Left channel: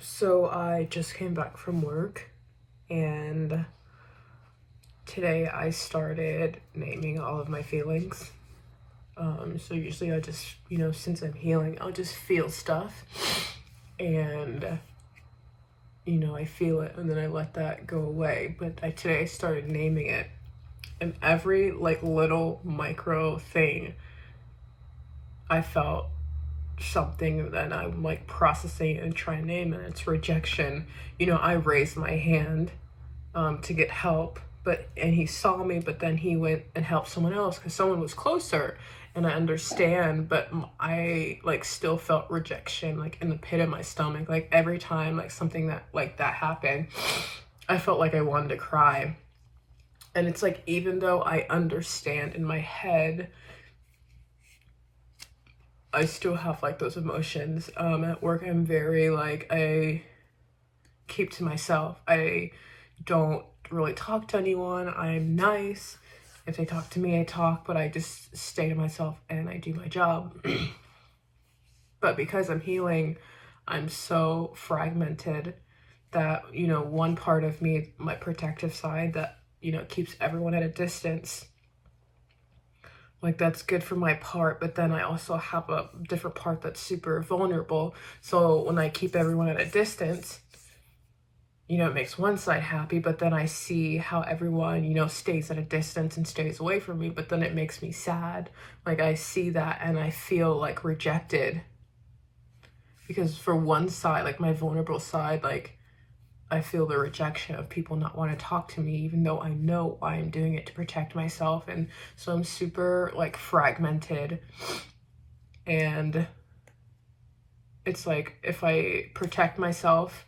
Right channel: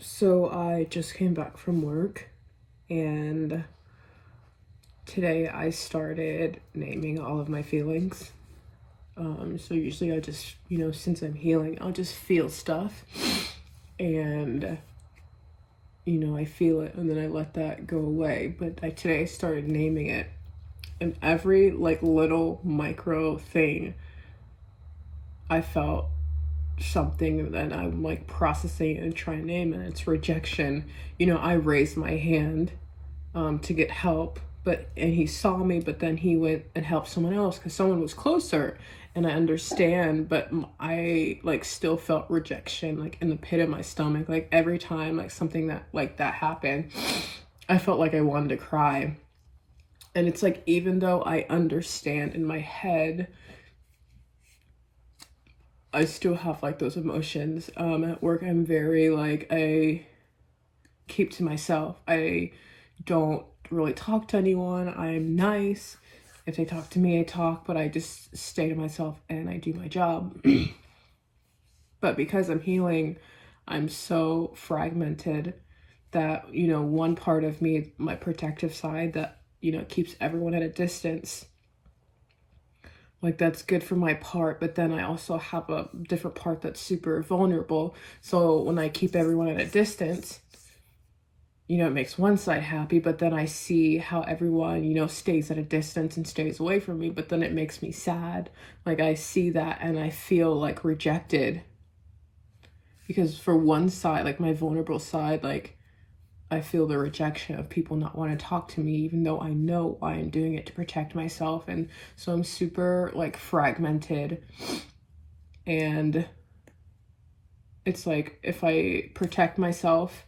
So I just came back from work and today I started naming all of my feelings. So usually I just, since I'm healing, I'll just feel stuff and, I feel it and then I let that go away. But today I started naming it, and every little micro thing I felt something that I'm processing and trying to name, and it's rejection. I raised my hand to get help, and he saw me, but then he went and helped someone else because someone was closer, and I understand, but I still felt rejection in the pit of my stomach. Every time something that happened, I felt like I wanted to cry. And it's even though I understand in my head, I still have those emotions. At work, I'm very I keep to myself. I don't really talk to anyone. I'm nice. If they talk to me, I talk, but I just stay to myself and I do my job. But because I'm healing, I'm so fragmented that, one part of me, my protective side that, keeps everyone at a distance, that's good for my part, but then I also have a different part that's super vulnerable. So when I keep everyone at a distance, it makes one side happy, but then I see how everyone, stays at a distance and stays away from me, but then it makes me sad. I see that and I feel rejected. Because for one side, my vulnerable side, I feel the rejection of people not want to talk to me, even though I know why I'm doing it, to protect myself. And so I'm super fragmented. And it's if I protect myself,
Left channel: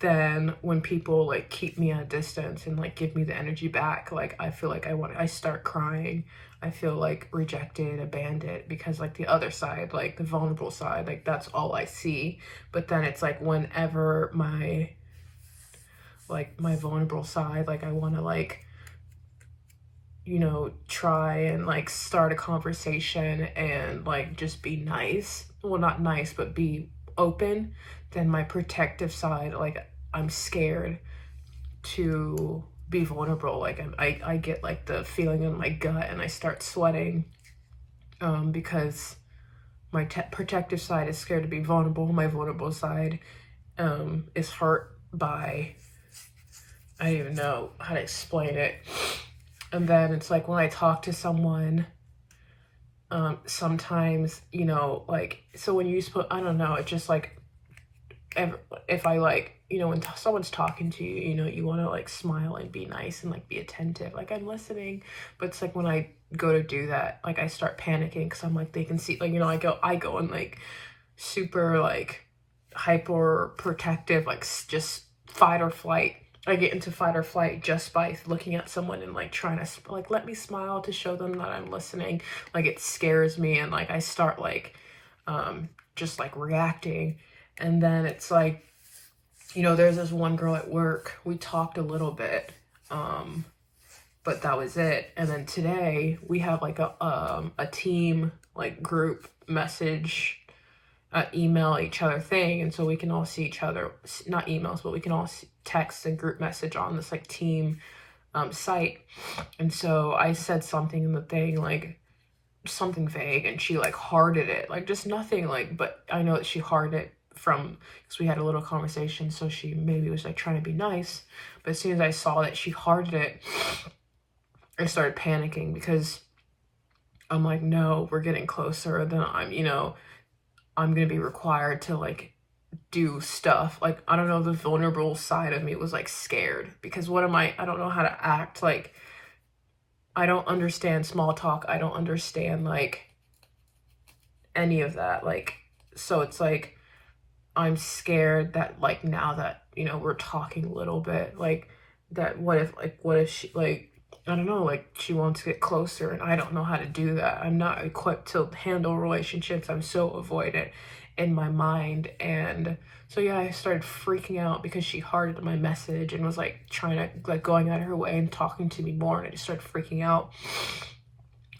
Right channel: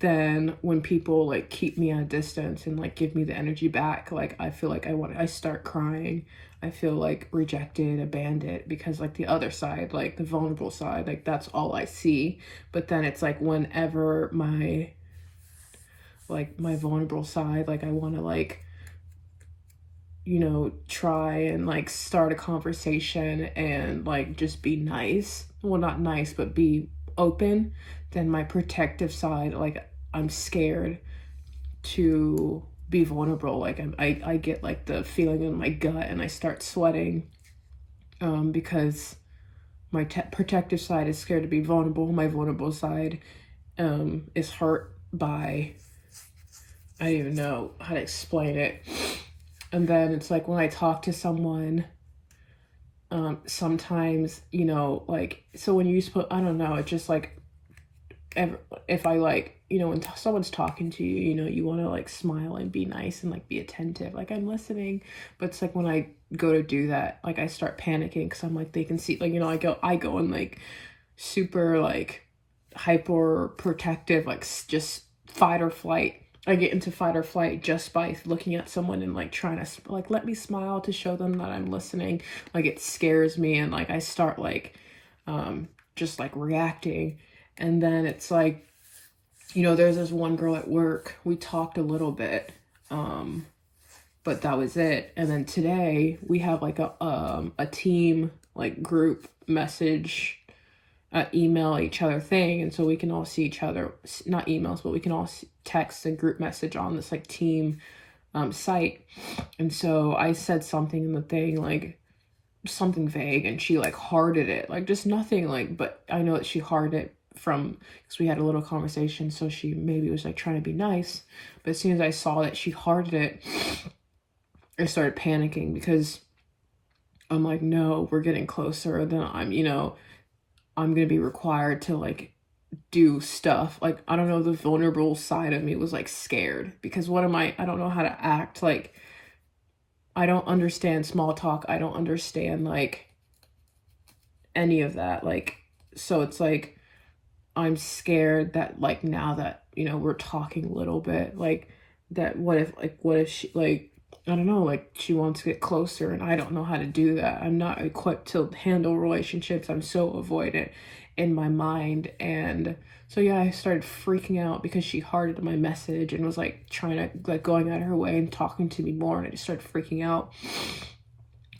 then when people keep me at a distance and give me the energy back, I feel I start crying. I feel rejected, abandoned, because the other side, the vulnerable side, that's all I see. But then it's whenever my vulnerable side, I want to try and start a conversation and just be nice, well, not nice, but be open, then my protective side, I'm scared to be vulnerable. I get the feeling in my gut and I start sweating, because my protective side is scared to be vulnerable. My vulnerable side is hurt by, I don't even know how to explain it. And then it's when I talk to someone, sometimes, so when you I don't know, it's just if I when someone's talking to you, you want to smile and be nice and be attentive, I'm listening. But it's when I go to do that, I start panicking because I'm they can see, I go in super hyper protective, just fight or flight. I get into fight or flight just by looking at someone and trying to let me smile to show them that I'm listening. It scares me, and I start just reacting. And then it's there's this one girl at work, we talked a little bit, but that was it. And then today we have a team group message, email each other thing, and so we can all see each other, not emails, but we can all text a group message on this team site. And so I said something in the thing, something vague, and she hearted it, just nothing, but I know that she hearted it because we had a little conversation, so she maybe was trying to be nice. But as soon as I saw that she hearted it, I started panicking because I'm no, we're getting closer. Then I'm gonna be required to do stuff. I don't know, the vulnerable side of me was scared, because what am I don't know how to act. I don't understand small talk. I don't understand any of that. So it's I'm scared that now that we're talking a little bit, that what if she I don't know, she wants to get closer, and I don't know how to do that. I'm not equipped to handle relationships. I'm so avoidant in my mind. And so yeah, I started freaking out because she hearted my message and was trying to going out of her way and talking to me more, and I just started freaking out.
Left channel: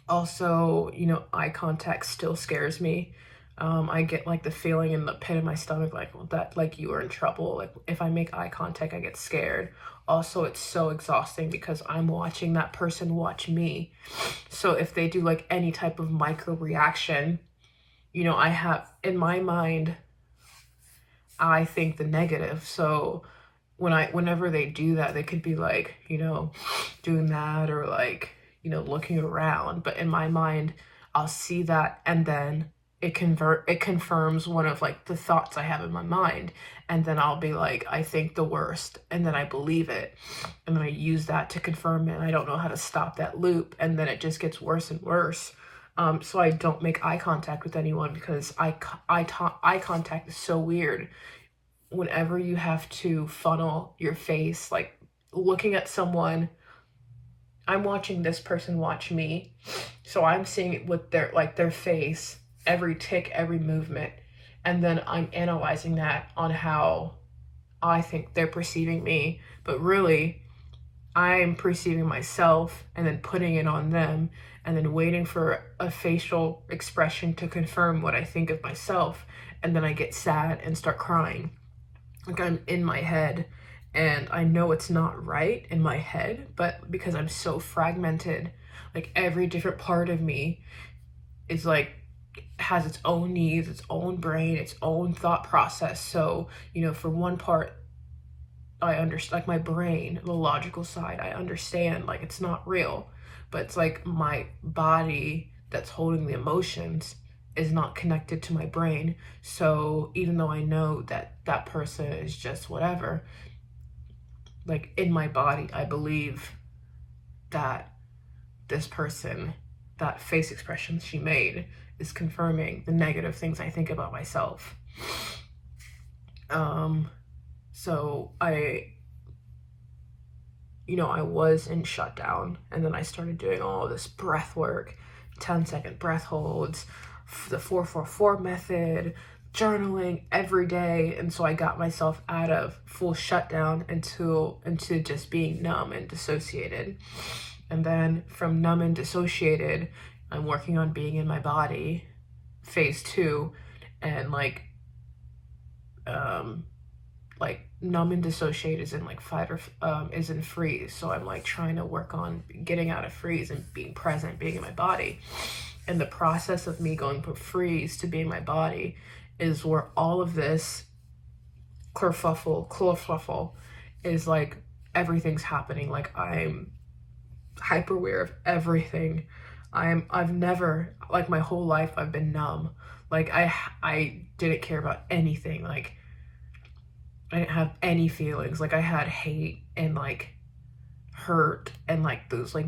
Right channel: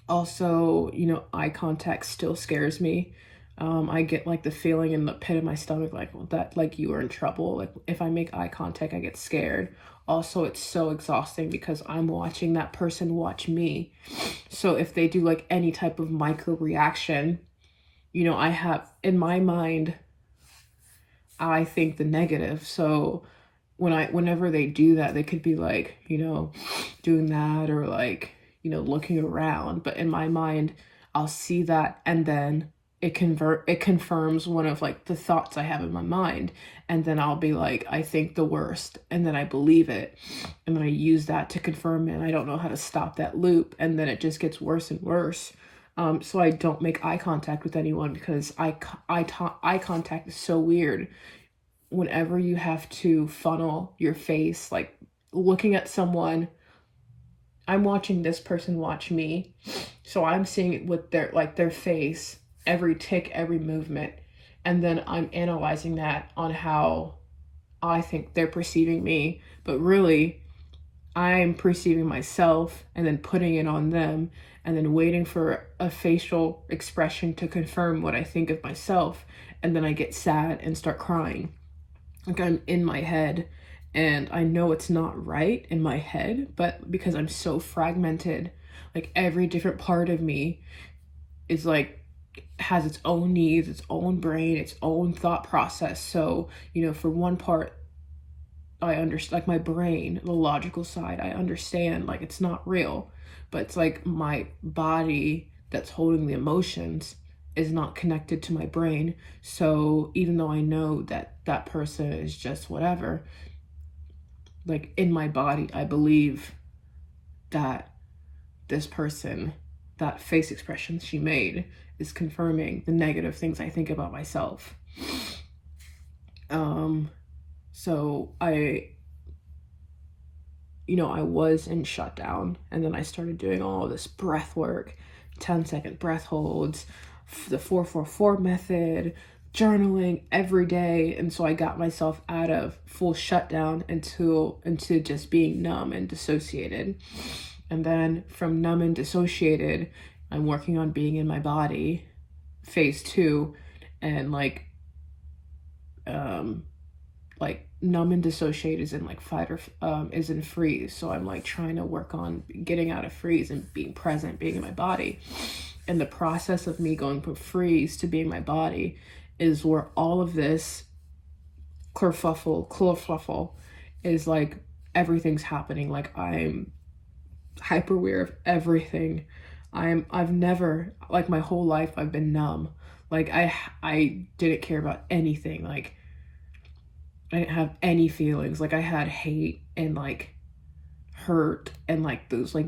Also, eye contact still scares me. I get like the feeling in the pit of my stomach, like that, like you are in trouble. Like if I make eye contact, I get scared. Also, it's so exhausting because I'm watching that person watch me. So if they do like any type of micro reaction, you know, I have in my mind, I think the negative. So whenever they do that, they could be like, you know, doing that or like, you know, looking around. But in my mind, I'll see that and then it confirms one of like the thoughts I have in my mind. And then I'll be like, I think the worst, and then I believe it. And then I use that to confirm it. I don't know how to stop that loop. And then it just gets worse and worse. So I don't make eye contact with anyone because eye contact is so weird. Whenever you have to funnel your face, like looking at someone, I'm watching this person watch me, so I'm seeing it with their face, every tick, every movement, and then I'm analyzing that on how I think they're perceiving me, but really I'm perceiving myself and then putting it on them and then waiting for a facial expression to confirm what I think of myself, and then I get sad and start crying. Like I'm in my head and I know it's not right in my head, but because I'm so fragmented, like every different part of me is like has its own needs, its own brain, its own thought process. So, you know, for one part, I understand, like my brain, the logical side, I understand like it's not real, but it's like my body that's holding the emotions is not connected to my brain. So even though I know that that person is just whatever, like in my body, I believe that this person, that face expression she made, is confirming the negative things I think about myself. So I was in shutdown, and then I started doing all this breath work, 10-second breath holds, the 4-4-4 method, journaling every day. And so I got myself out of full shutdown into just being numb and dissociated. And then from numb and dissociated, I'm working on being in my body, phase 2, and like numb and dissociate is in like fight or is in freeze. So I'm like trying to work on getting out of freeze and being present, being in my body. And the process of me going from freeze to being my body is where all of this kerfuffle is like everything's happening. Like I'm hyper aware of everything. I've never, like my whole life I've been numb. Like I didn't care about anything. Like I didn't have any feelings. Like I had hate and like hurt and like those like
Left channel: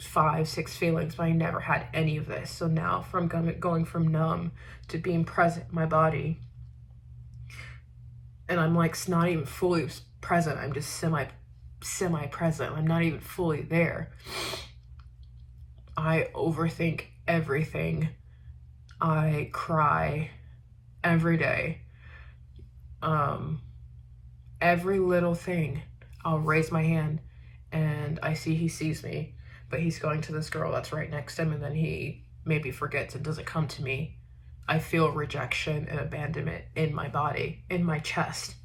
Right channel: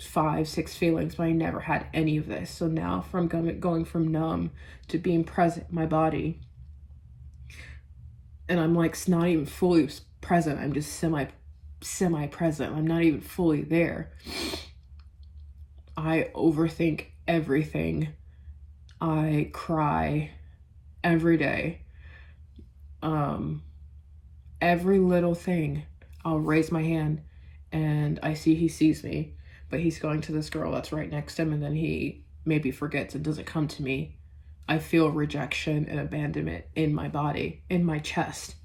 5-6 feelings, but I never had any of this. So now from going from numb to being present in my body, and I'm like not even fully present, I'm just semi present, I'm not even fully there. I overthink everything. I cry every day. Every little thing, I'll raise my hand and I see he sees me, but he's going to this girl that's right next to him, and then he maybe forgets and doesn't come to me. I feel rejection and abandonment in my body, in my chest,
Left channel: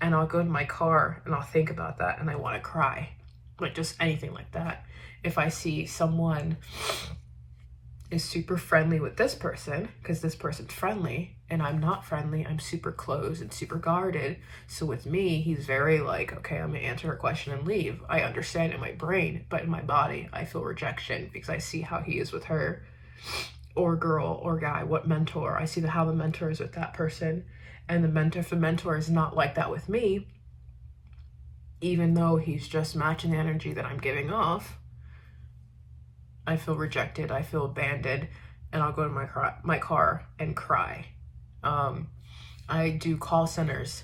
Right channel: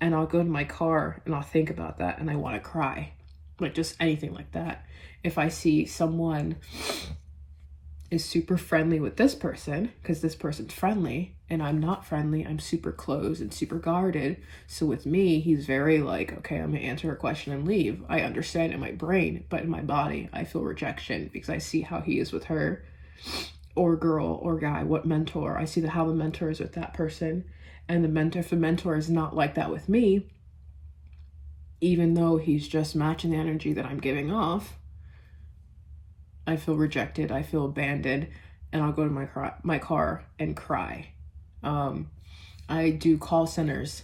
and I'll go to my car and I'll think about that and I want to cry. Like just anything like that. If I see someone is super friendly with this person, because this person's friendly and I'm not friendly, I'm super closed and super guarded. So with me, he's very like, okay, I'm gonna answer a question and leave. I understand in my brain, but in my body, I feel rejection because I see how he is with her, or girl, or guy, what mentor. I see how the mentor is with that person, and if the mentor is not like that with me, even though he's just matching the energy that I'm giving off, I feel rejected, I feel abandoned, and I'll go to my car and cry. I do call centers.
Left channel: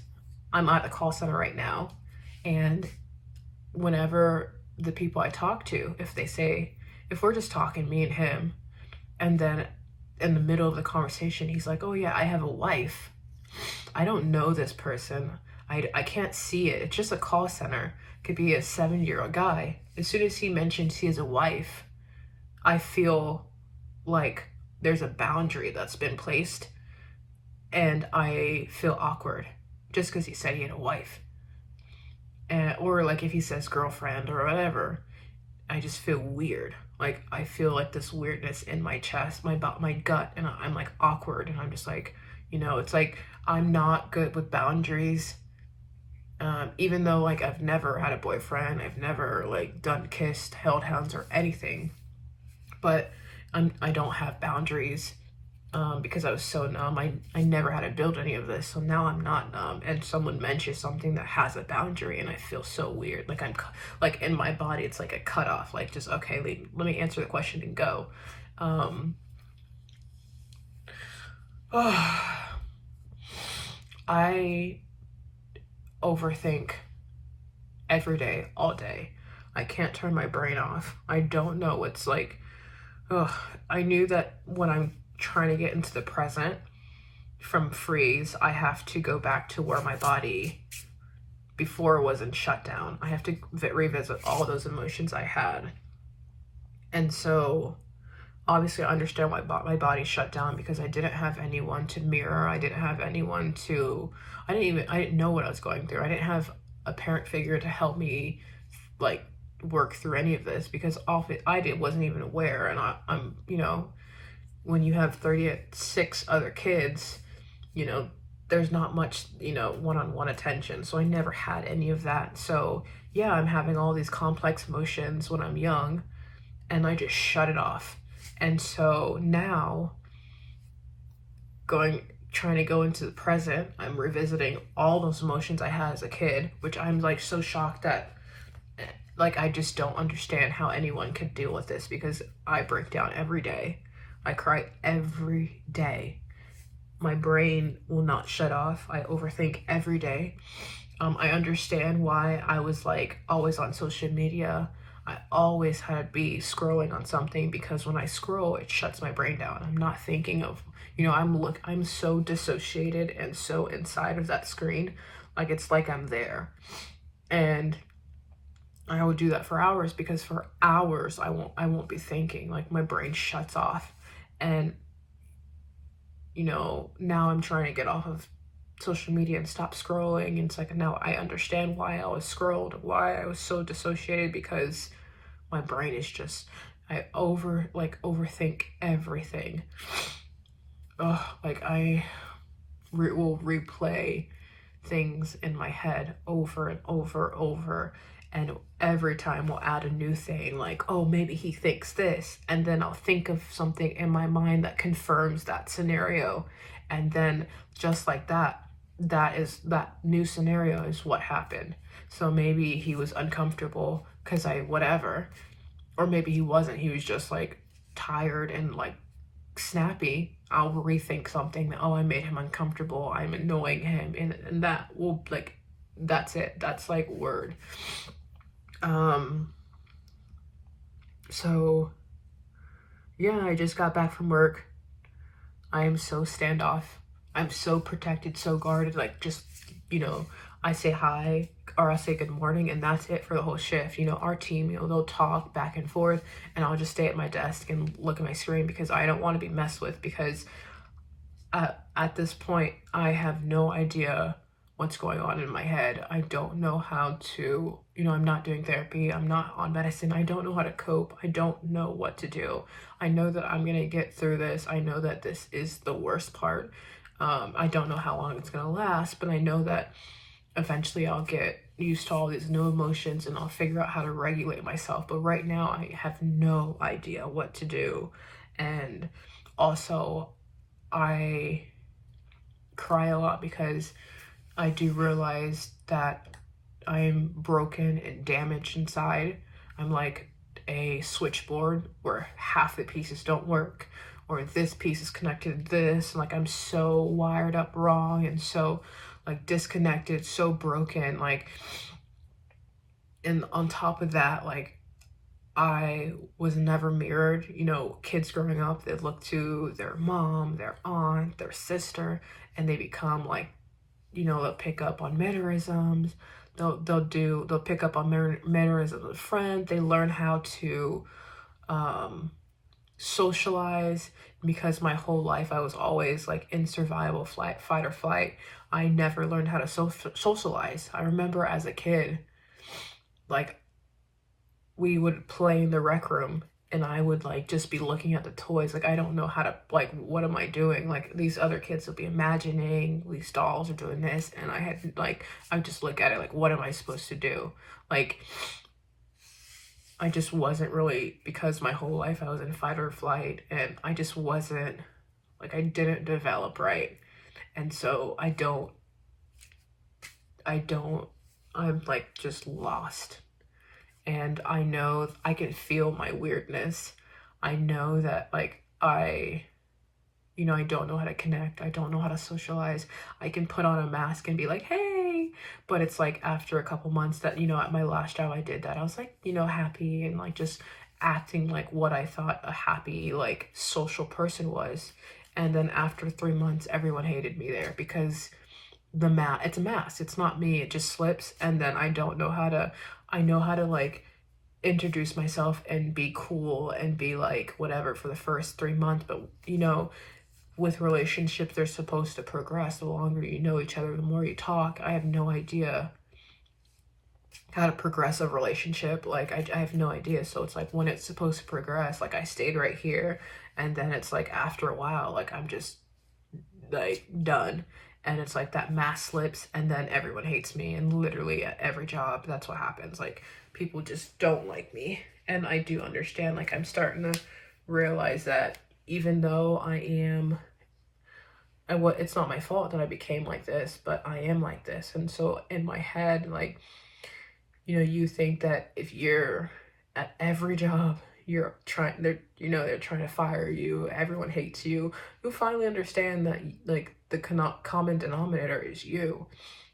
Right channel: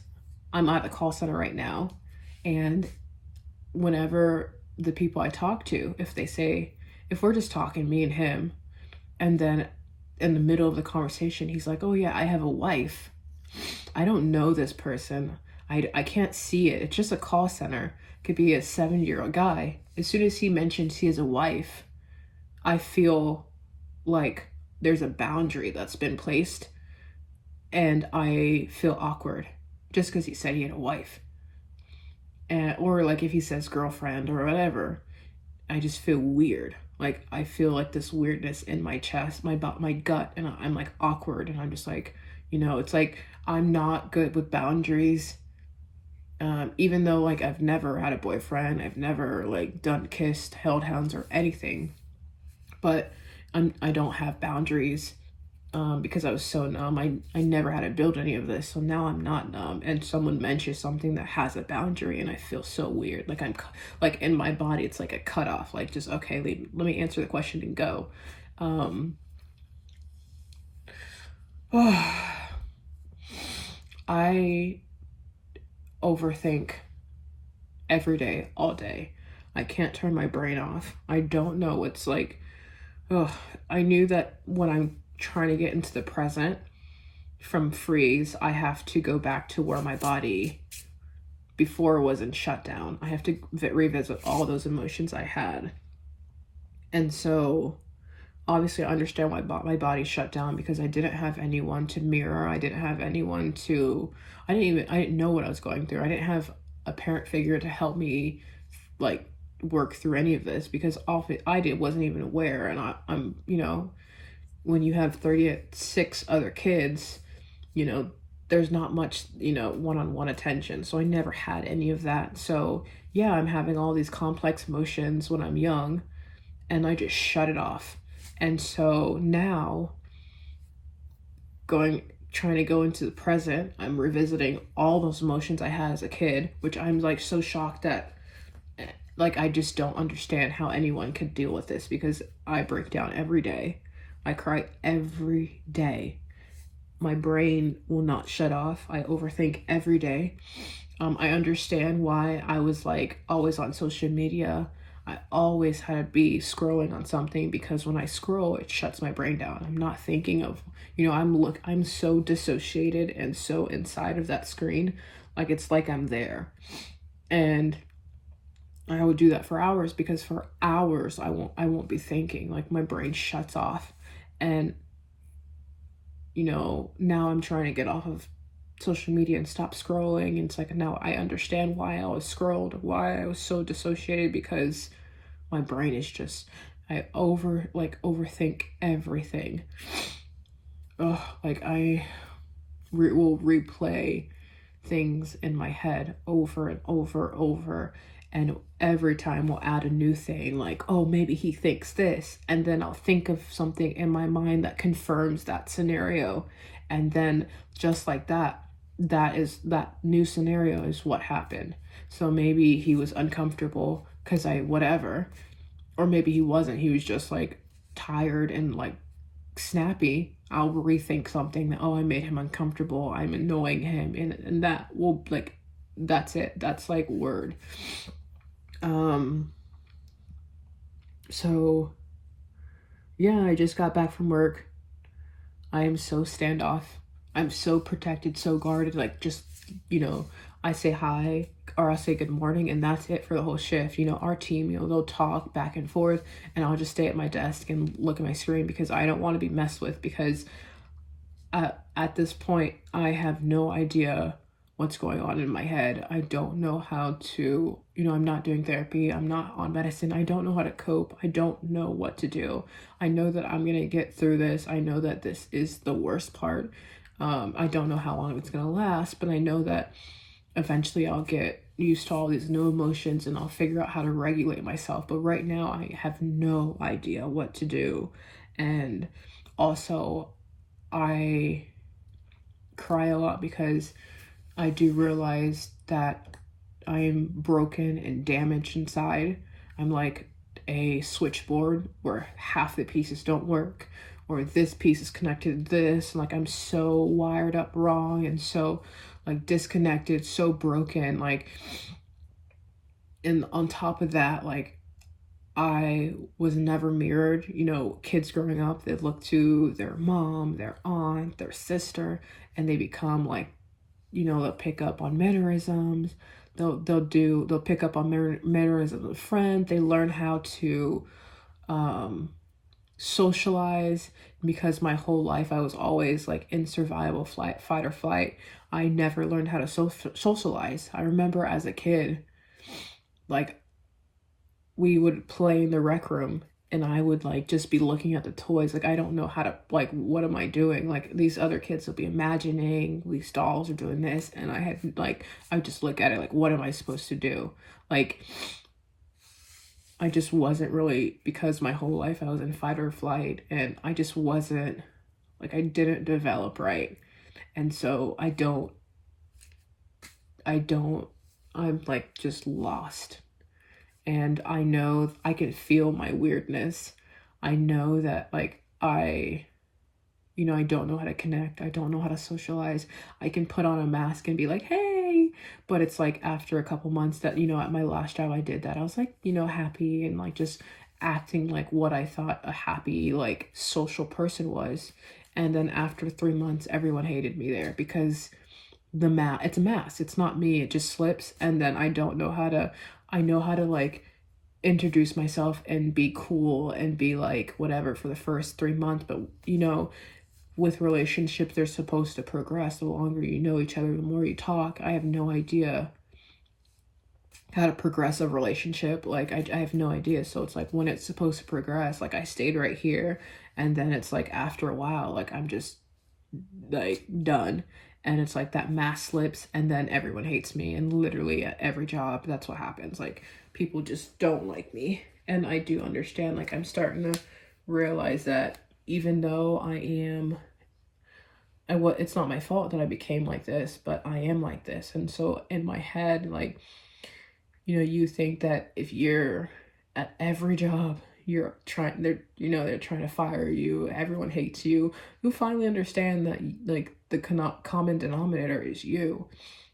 I'm at the call center right now, and whenever the people I talk to, if we're just talking, me and him, and then in the middle of the conversation, he's like, oh yeah, I have a wife. I don't know this person. I can't see it. It's just a call center. It could be a 70-year-old guy. As soon as he mentions he has a wife, I feel like there's a boundary that's been placed, and I feel awkward just because he said he had a wife. Or like if he says girlfriend or whatever, I just feel weird. Like I feel like this weirdness in my chest, my gut, and I'm like awkward, and I'm just like, it's like I'm not good with boundaries. Even though like I've never had a boyfriend, I've never like done kissed, held hands, or anything, but I don't have boundaries. Because I was so numb. I never had to build any of this, so now I'm not numb, and someone mentions something that has a boundary, and I feel so weird. Like I'm, like in my body, it's like a cutoff. Like just okay, let me answer the question and go. I overthink every day, all day. I can't turn my brain off. I don't know. It's like, I knew that when I'm trying to get into the present from freeze, I have to go back to where my body before was in shutdown. I have to revisit all of those emotions I had. And so obviously I understand why my body shut down, because I didn't have anyone to mirror. I didn't have anyone to, I didn't know what I was going through. I didn't have a parent figure to help me like work through any of this, because all I did wasn't even aware. And I'm when you have 36 other kids, there's not much, one-on-one attention. So I never had any of that. So yeah, I'm having all these complex emotions when I'm young, and I just shut it off. And so now trying to go into the present, I'm revisiting all those emotions I had as a kid, which I'm like so shocked that like I just don't understand how anyone could deal with this, because I break down every day. I cry every day. My brain will not shut off. I overthink every day. I understand why I was like always on social media. I always had to be scrolling on something, because when I scroll, it shuts my brain down. I'm not thinking of, I'm so dissociated and so inside of that screen. Like it's like I'm there. And I would do that for hours, because for hours I won't be thinking. Like my brain shuts off. And now I'm trying to get off of social media and stop scrolling, and it's like now I understand why I was scrolled, why I was so dissociated, because my brain is just, I overthink everything. Like I will replay things in my head over and over, and every time we'll add a new thing, like, oh, maybe he thinks this, and then I'll think of something in my mind that confirms that scenario, and then just like that new scenario is what happened. So maybe he was uncomfortable because whatever, or maybe he wasn't, he was just like tired and like snappy. I'll rethink something that, oh, I made him uncomfortable, I'm annoying him, and that will like, that's it, that's like word. So yeah, I just got back from work. I am so standoff. I'm so protected, so guarded. Like just, I say hi or I say good morning, and that's it for the whole shift. Our team, they'll talk back and forth, and I'll just stay at my desk and look at my screen, because I don't want to be messed with, because at this point, I have no idea what's going on in my head. I don't know how to, I'm not doing therapy. I'm not on medicine. I don't know how to cope. I don't know what to do. I know that I'm going to get through this. I know that this is the worst part. I don't know how long it's going to last, but I know that eventually I'll get used to all these new emotions, and I'll figure out how to regulate myself. But right now I have no idea what to do. And also I cry a lot, because I do realize that I'm broken and damaged inside. I'm like a switchboard where half the pieces don't work, or this piece is connected to this. Like I'm so wired up wrong, and so like disconnected, so broken. Like, and on top of that, like I was never mirrored. Kids growing up, they look to their mom, their aunt, their sister, and they become like, they'll pick up on mannerisms. They'll pick up on mannerisms of friends. They learn how to socialize. because my whole life I was always like in survival, fight or flight. I never learned how to socialize. I remember as a kid, like, we would play in the rec room and I would like just be looking at the toys. Like, I don't know how to, like, what am I doing? Like, these other kids will be imagining these dolls are doing this, and I had like, I just look at it like, what am I supposed to do? Like, I just wasn't really, because my whole life I was in fight or flight, and I just wasn't, like, I didn't develop right. And so I'm like just lost. And I know I can feel my weirdness. I know that, like, I don't know how to connect. I don't know how to socialize. I can put on a mask and be like, hey, but it's like after a couple months that, at my last job I did that. I was like, happy and like just acting like what I thought a happy, like, social person was. And then after 3 months, everyone hated me there because it's a mask. It's not me. It just slips. And then I know how to like introduce myself and be cool and be like whatever for the first 3 months. But with relationships, they're supposed to progress. The longer you know each other, the more you talk. I have no idea how to progress a relationship. Like, I have no idea. So it's like when it's supposed to progress, like, I stayed right here, and then it's like after a while, like, I'm just like done. And it's like that mask slips, and then everyone hates me. And literally at every job, that's what happens. Like, people just don't like me. And I do understand, like, I'm starting to realize that even though it's not my fault that I became like this, but I am like this. And so in my head, like, you think that if you're at every job, they're trying to fire you, everyone hates you, you finally understand that, like, the common denominator is you.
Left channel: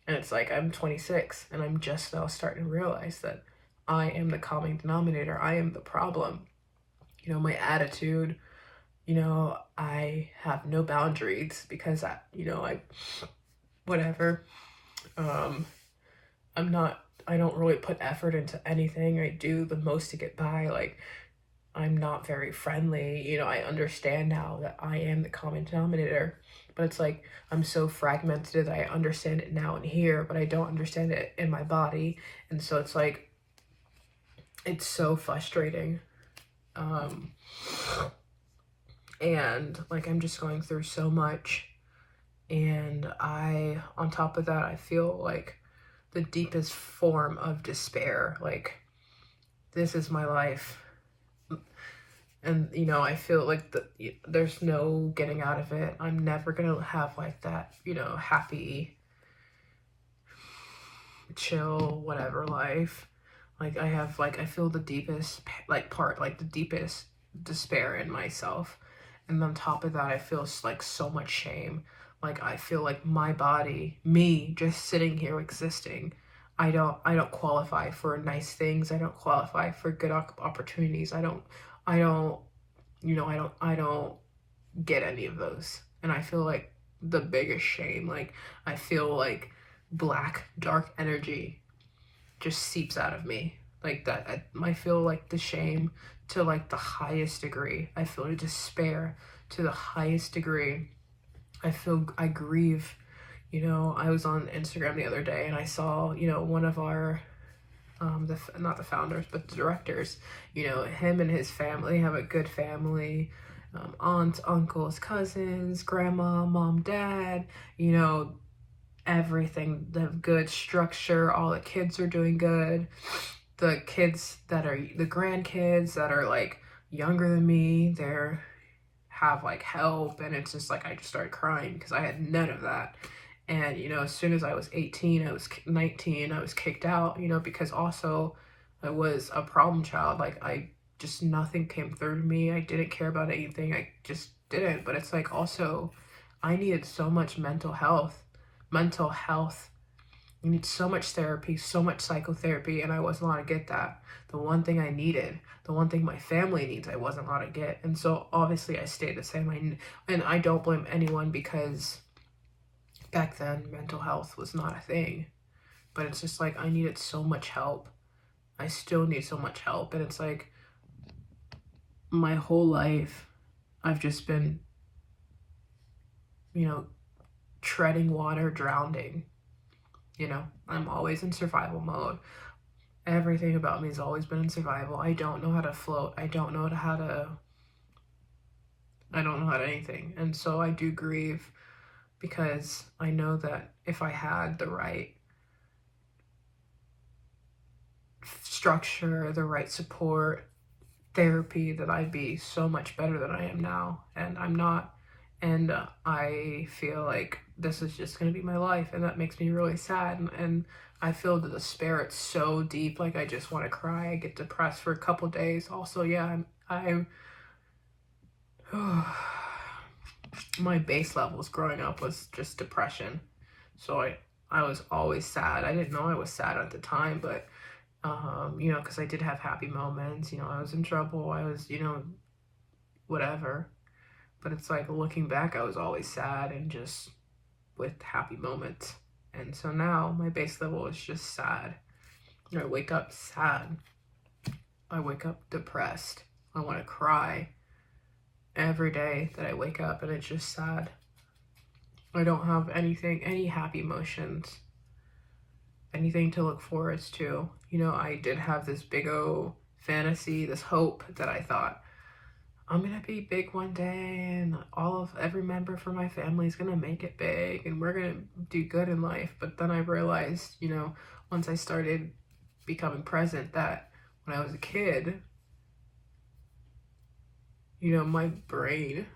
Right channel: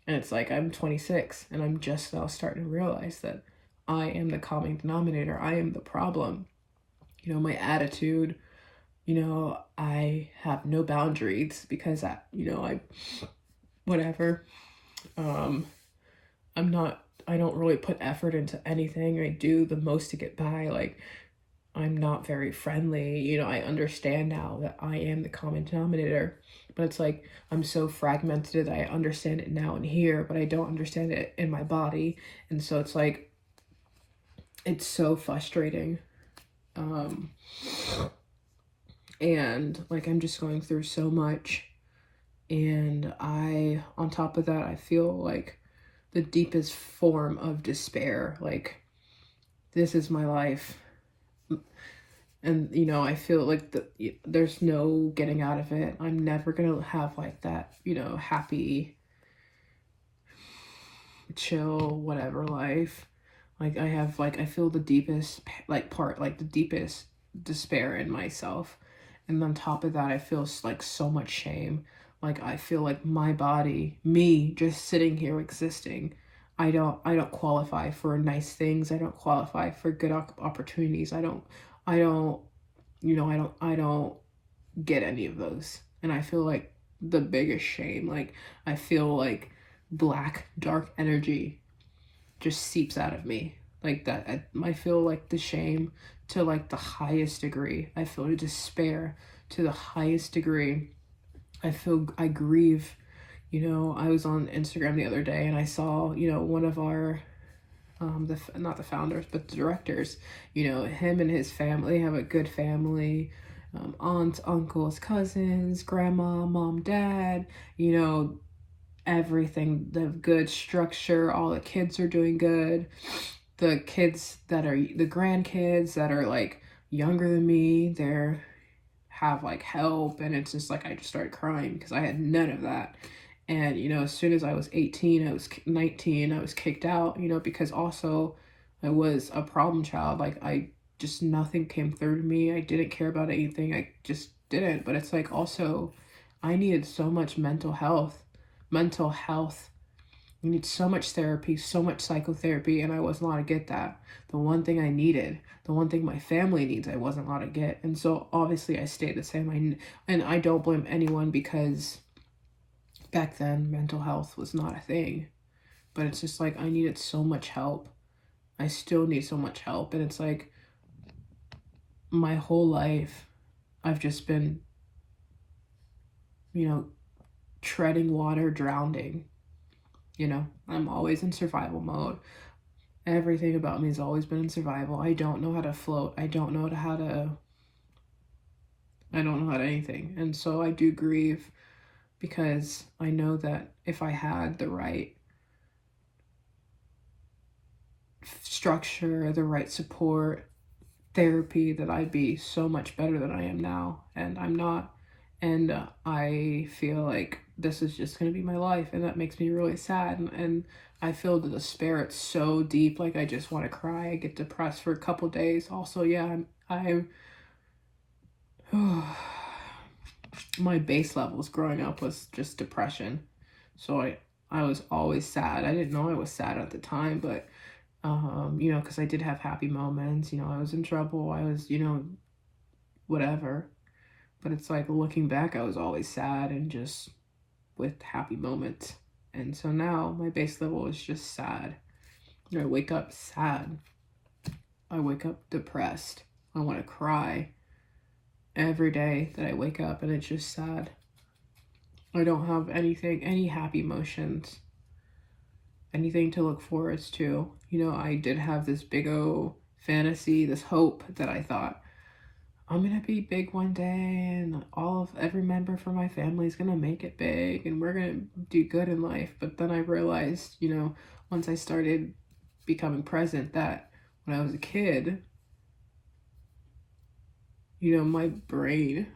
And it's like, I'm 26 and I'm just now starting to realize that I am the common denominator. I am the problem. My attitude, I have no boundaries because whatever. I don't really put effort into anything. I do the most to get by. Like, I'm not very friendly. I understand now that I am the common denominator, but it's like, I'm so fragmented that I understand it now and here, but I don't understand it in my body. And so it's like, it's so frustrating. And like, I'm just going through so much. And on top of that, I feel like the deepest form of despair. Like, this is my life. And, I feel like there's no getting out of it. I'm never going to have like that, happy, chill, whatever life. Like, I feel the deepest, the deepest despair in myself. And on top of that, I feel like so much shame. Like, I feel like my body, me just sitting here existing, I don't qualify for nice things. I don't qualify for good opportunities. I don't get any of those. And I feel like the biggest shame, like, I feel like black, dark energy just seeps out of me. Like that, I feel like the shame to like the highest degree. I feel despair to the highest degree. I grieve. I was on Instagram the other day and I saw, one of our not the founders, but the directors, him and his family have a good family, aunts, uncles, cousins, grandma, mom, dad, everything, the good structure, all the kids are doing good. The grandkids that are like younger than me, have like help, and it's just like, I just started crying because I had none of that. And, as soon as I was 18, I was 19, I was kicked out, because also I was a problem child. Like, nothing came through to me. I didn't care about anything. I just didn't. But it's like, also, I needed so much mental health. I need so much therapy, so much psychotherapy, and I wasn't allowed to get that. The one thing I needed, the one thing my family needs, I wasn't allowed to get. And so obviously I stayed the same. And I don't blame anyone, because back then mental health was not a thing. But it's just like, I needed so much help. I still need so much help. And it's like, my whole life I've just been, you know, treading water, drowning. You know, I'm always in survival mode. Everything about me has always been in survival. I don't know how to float. I don't know anything. And so I do grieve because I know that if I had the right structure, the right support, therapy, that I'd be so much better than I am now. And I'm not. And I feel like this is just going to be my life. And that makes me really sad. And I feel the despair. It's so deep. Like, I just want to cry. I get depressed for a couple days. Also, yeah, my base levels growing up was just depression. So I was always sad. I didn't know I was sad at the time, but you know, because I did have happy moments. You know, I was in trouble. I was, you know, whatever. But it's like, looking back, I was always sad and just with happy moments. And so now my base level is just sad. I wake up sad. I wake up depressed. I want to cry every day that I wake up, and it's just sad. I don't have any happy emotions, anything to look forward to. You know, I did have this big old fantasy, this hope that I thought, I'm gonna be big one day, and every member from my family is gonna make it big, and we're gonna do good in life. But then I realized, you know, once I started becoming present, that when I was a kid, you know, my brain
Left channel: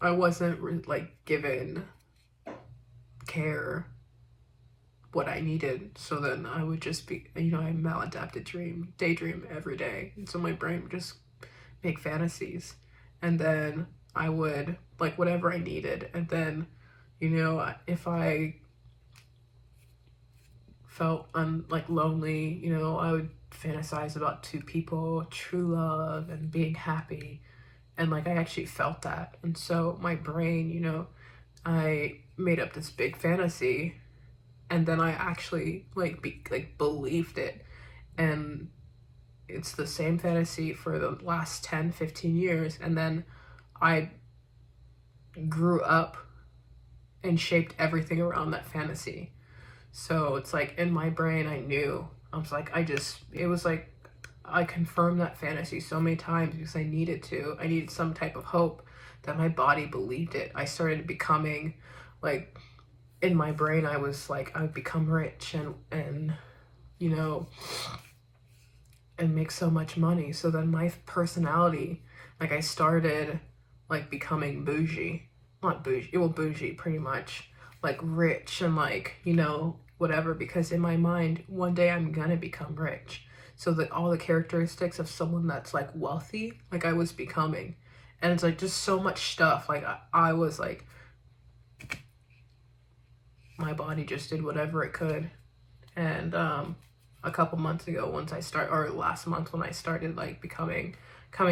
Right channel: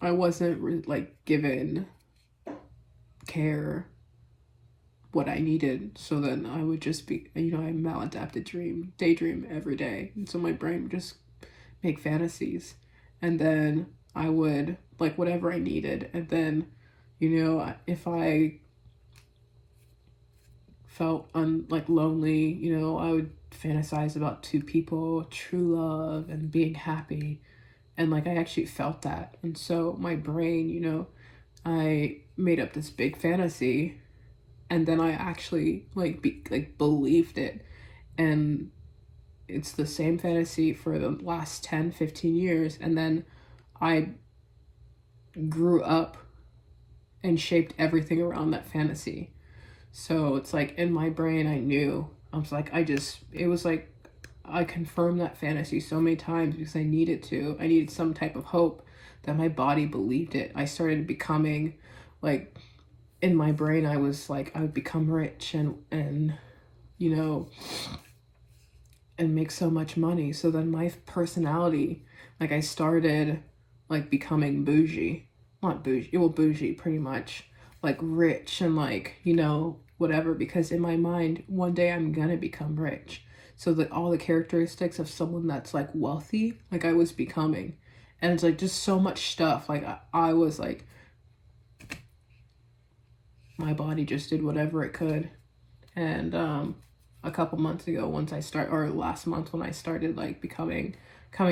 I wasn't like given care what I needed. So then I would just be, you know, I maladapted daydream every day. And so my brain would just make fantasies. And then I would like whatever I needed. And then, you know, if I felt like lonely, you know, I would fantasize about two people, true love and being happy. And like, I actually felt that. And so my brain, you know, I made up this big fantasy, and then I actually believed it. And it's the same fantasy for the last 10-15 years. And then I grew up and shaped everything around that fantasy. So it's like, in my brain, I knew. I was like, it was like I confirmed that fantasy so many times because I needed to. I needed some type of hope that my body believed it. I started becoming like, in my brain, I was like, I would become rich and you know, and make so much money. So then my personality, like, I started like becoming bougie. Not bougie, well, bougie pretty much. Like rich and like, you know, whatever, because in my mind, one day I'm gonna become rich. So that all the characteristics of someone that's like wealthy, like I was becoming. And it's like just so much stuff. Like I was like, my body just did whatever it could. And a couple months ago, or last month when I started like coming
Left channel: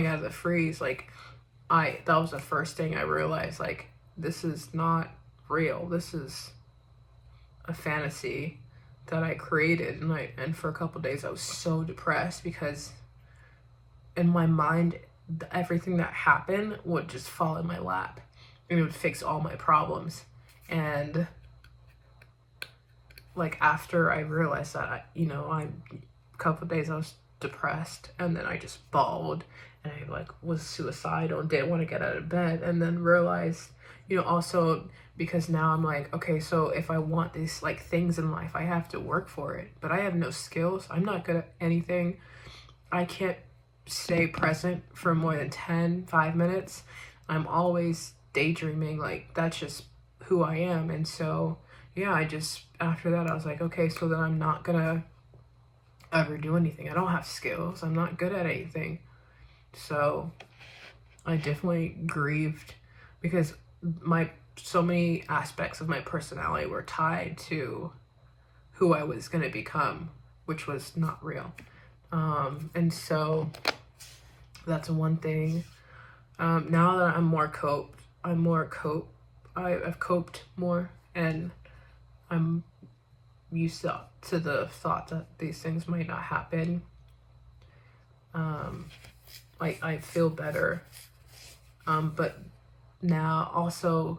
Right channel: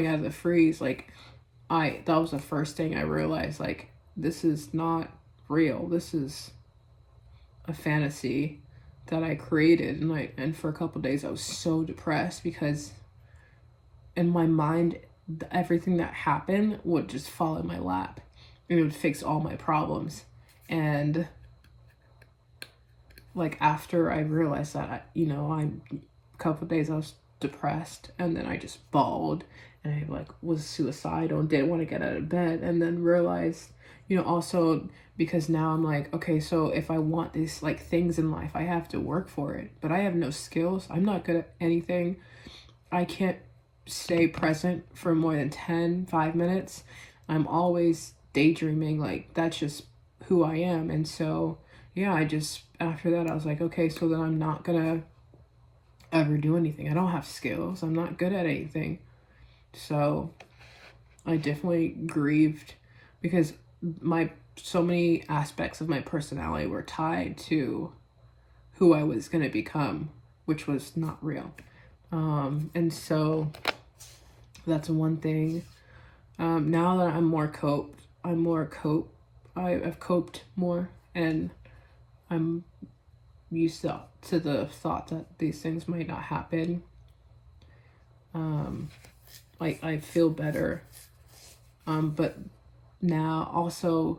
out of the freeze, like that was the first thing I realized, like, this is not real. This is a fantasy that I created. And for a couple days I was so depressed because in my mind, everything that happened would just fall in my lap. It would fix all my problems. And like, after I realized that, you know, a couple of days I was depressed, and then I just bawled, and I like was suicidal and didn't want to get out of bed. And then realized, you know, also because now I'm like, okay, so if I want these like things in life, I have to work for it. But I have no skills. I'm not good at anything. I can't stay present for more than 5 minutes. I'm always daydreaming. Like, that's just who I am. And so, yeah, after that, I was like, okay, so then I'm not gonna ever do anything. I don't have skills. I'm not good at anything. So I definitely grieved because so many aspects of my personality were tied to who I was gonna become, which was not real. And so that's one thing. Now that I've coped more, and I'm used to the thought that these things might not happen. I feel better. But now also,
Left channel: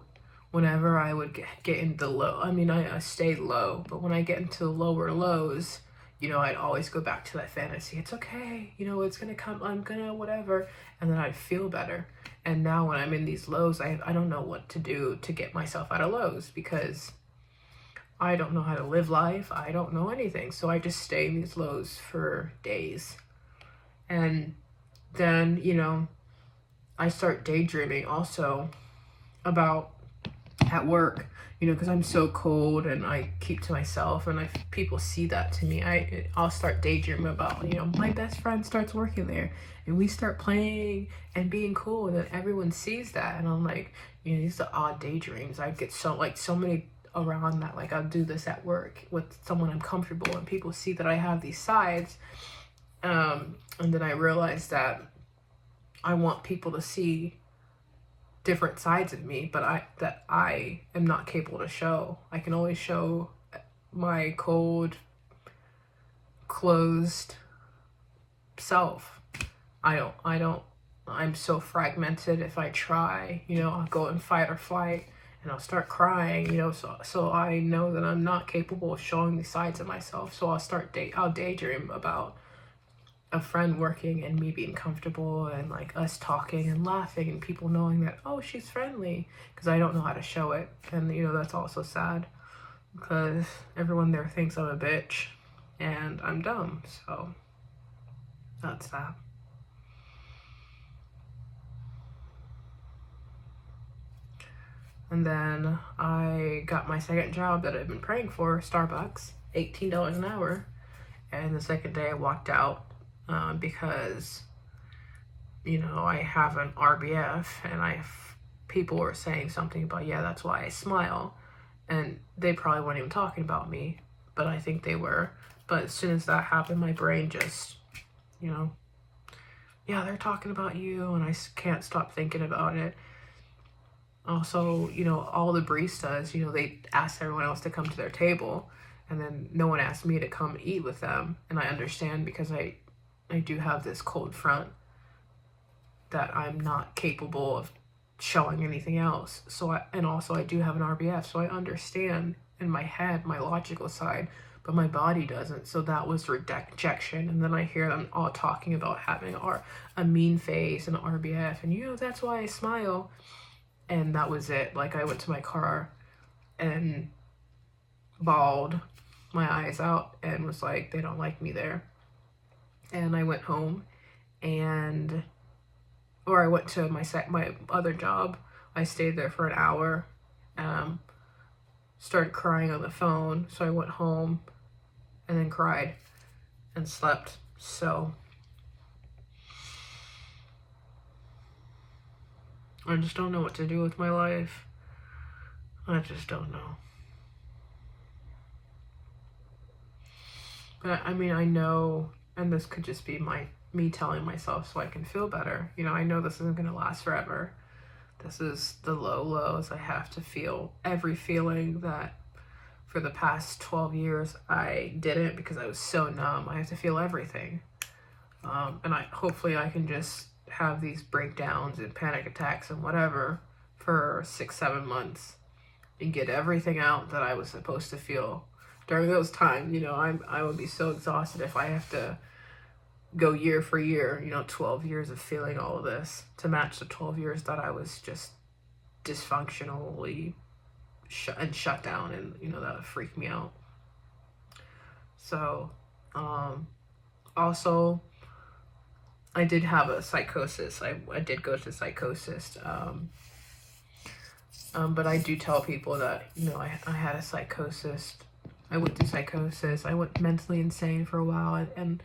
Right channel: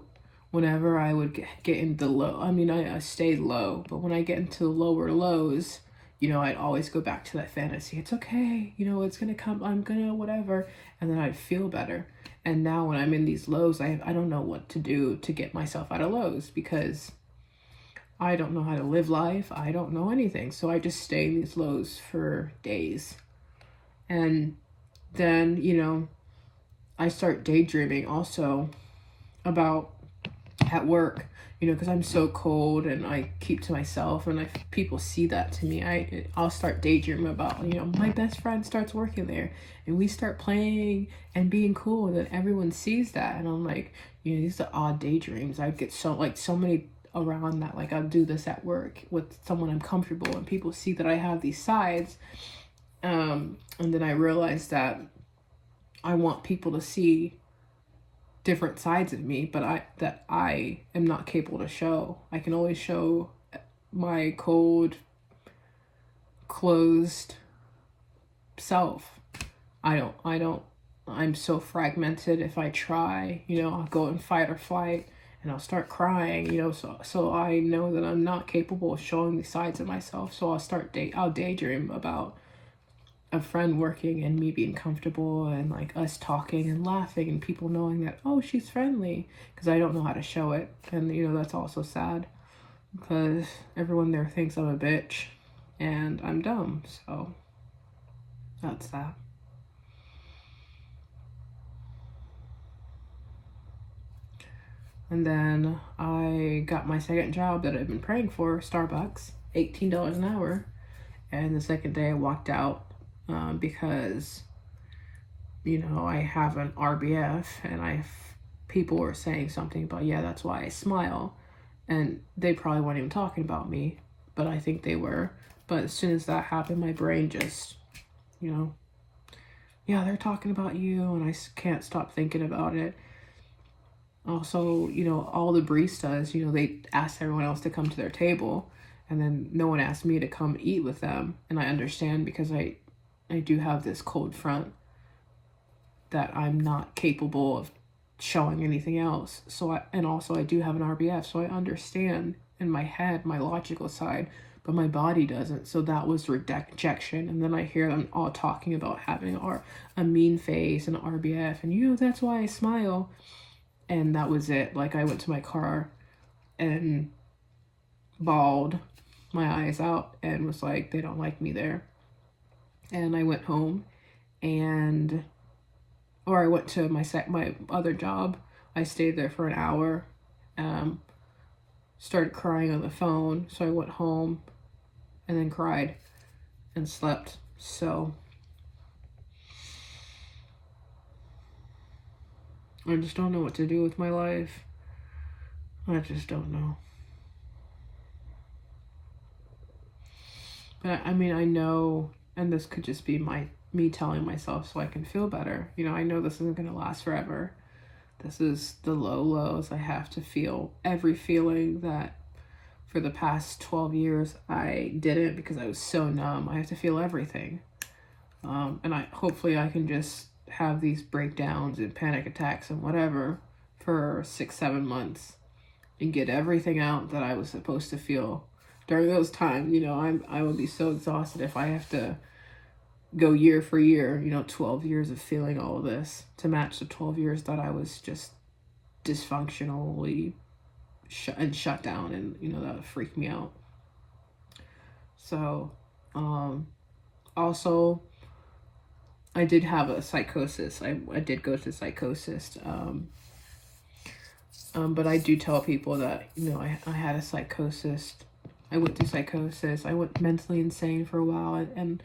whenever I would get in the low, I mean, I stayed low, but when I get into the lower lows, you know, I'd always go back to that fantasy. It's okay, you know, it's gonna come, I'm gonna whatever, and then I'd feel better. And now when I'm in these lows, I don't know what to do to get myself out of lows, because I don't know how to live life. I don't know anything. So I just stay in these lows for days. And then, you know, I start daydreaming also about at work, you know, because I'm so cold and I keep to myself, and people see that to me. I'll start daydreaming about, you know, my best friend starts working there and we start playing and being cool, and then everyone sees that, and I'm like, you know, these are odd daydreams. I get so many around that, like I'll do this at work with someone I'm comfortable, and people see that I have these sides, and then I realize that I want people to see different sides of me, but I am not capable to show. I can always show my cold, closed self. I'm so fragmented. If I try, you know, I'll go in fight or flight and I'll start crying, you know, so I know that I'm not capable of showing these sides of myself. So I'll daydream about a friend working and me being comfortable, and like us talking and laughing and people knowing that, oh, she's friendly, because I don't know how to show it. And you know, that's also sad because everyone there thinks I'm a bitch and I'm dumb, so that's that. And then I got my second job that I've been praying for, Starbucks, $18 an hour. And the second day I walked out because, you know, I have an RBF, and people were saying something about, yeah, that's why I smile. And they probably weren't even talking about me, but I think they were. But as soon as that happened, my brain just, you know, yeah, they're talking about you, and I can't stop thinking about it. Also, you know, all the baristas, you know, they asked everyone else to come to their table, and then no one asked me to come eat with them. And I understand, because I do have this cold front that I'm not capable of showing anything else. And also I do have an RBF, so I understand in my head, my logical side, but my body doesn't. So that was rejection. And then I hear them all talking about having a mean face and an RBF, and you know, that's why I smile. And that was it. Like, I went to my car and bawled my eyes out and was like, they don't like me there. And I went home, or I went to my other job. I stayed there for an hour, started crying on the phone. So I went home and then cried and slept. So I just don't know what to do with my life. I just don't know. But I mean, I know, and this could just be me telling myself so I can feel better. You know, I know this isn't going to last forever. This is the lows. I have to feel every feeling that for the past 12 years I didn't, because I was so numb. I have to feel everything. And hopefully I can just have these breakdowns and panic attacks and whatever for 6-7 months and get everything out that I was supposed to feel during those times. You know, I would be so exhausted if I have to go year for year, you know, 12 years of feeling all of this to match the 12 years that I was just dysfunctionally shut down, and you know, that would freak me out. So also I did have a psychosis. I did go to psychosis, but I do tell people that, you know, I had a psychosis. I went through psychosis. I went mentally insane for a while, and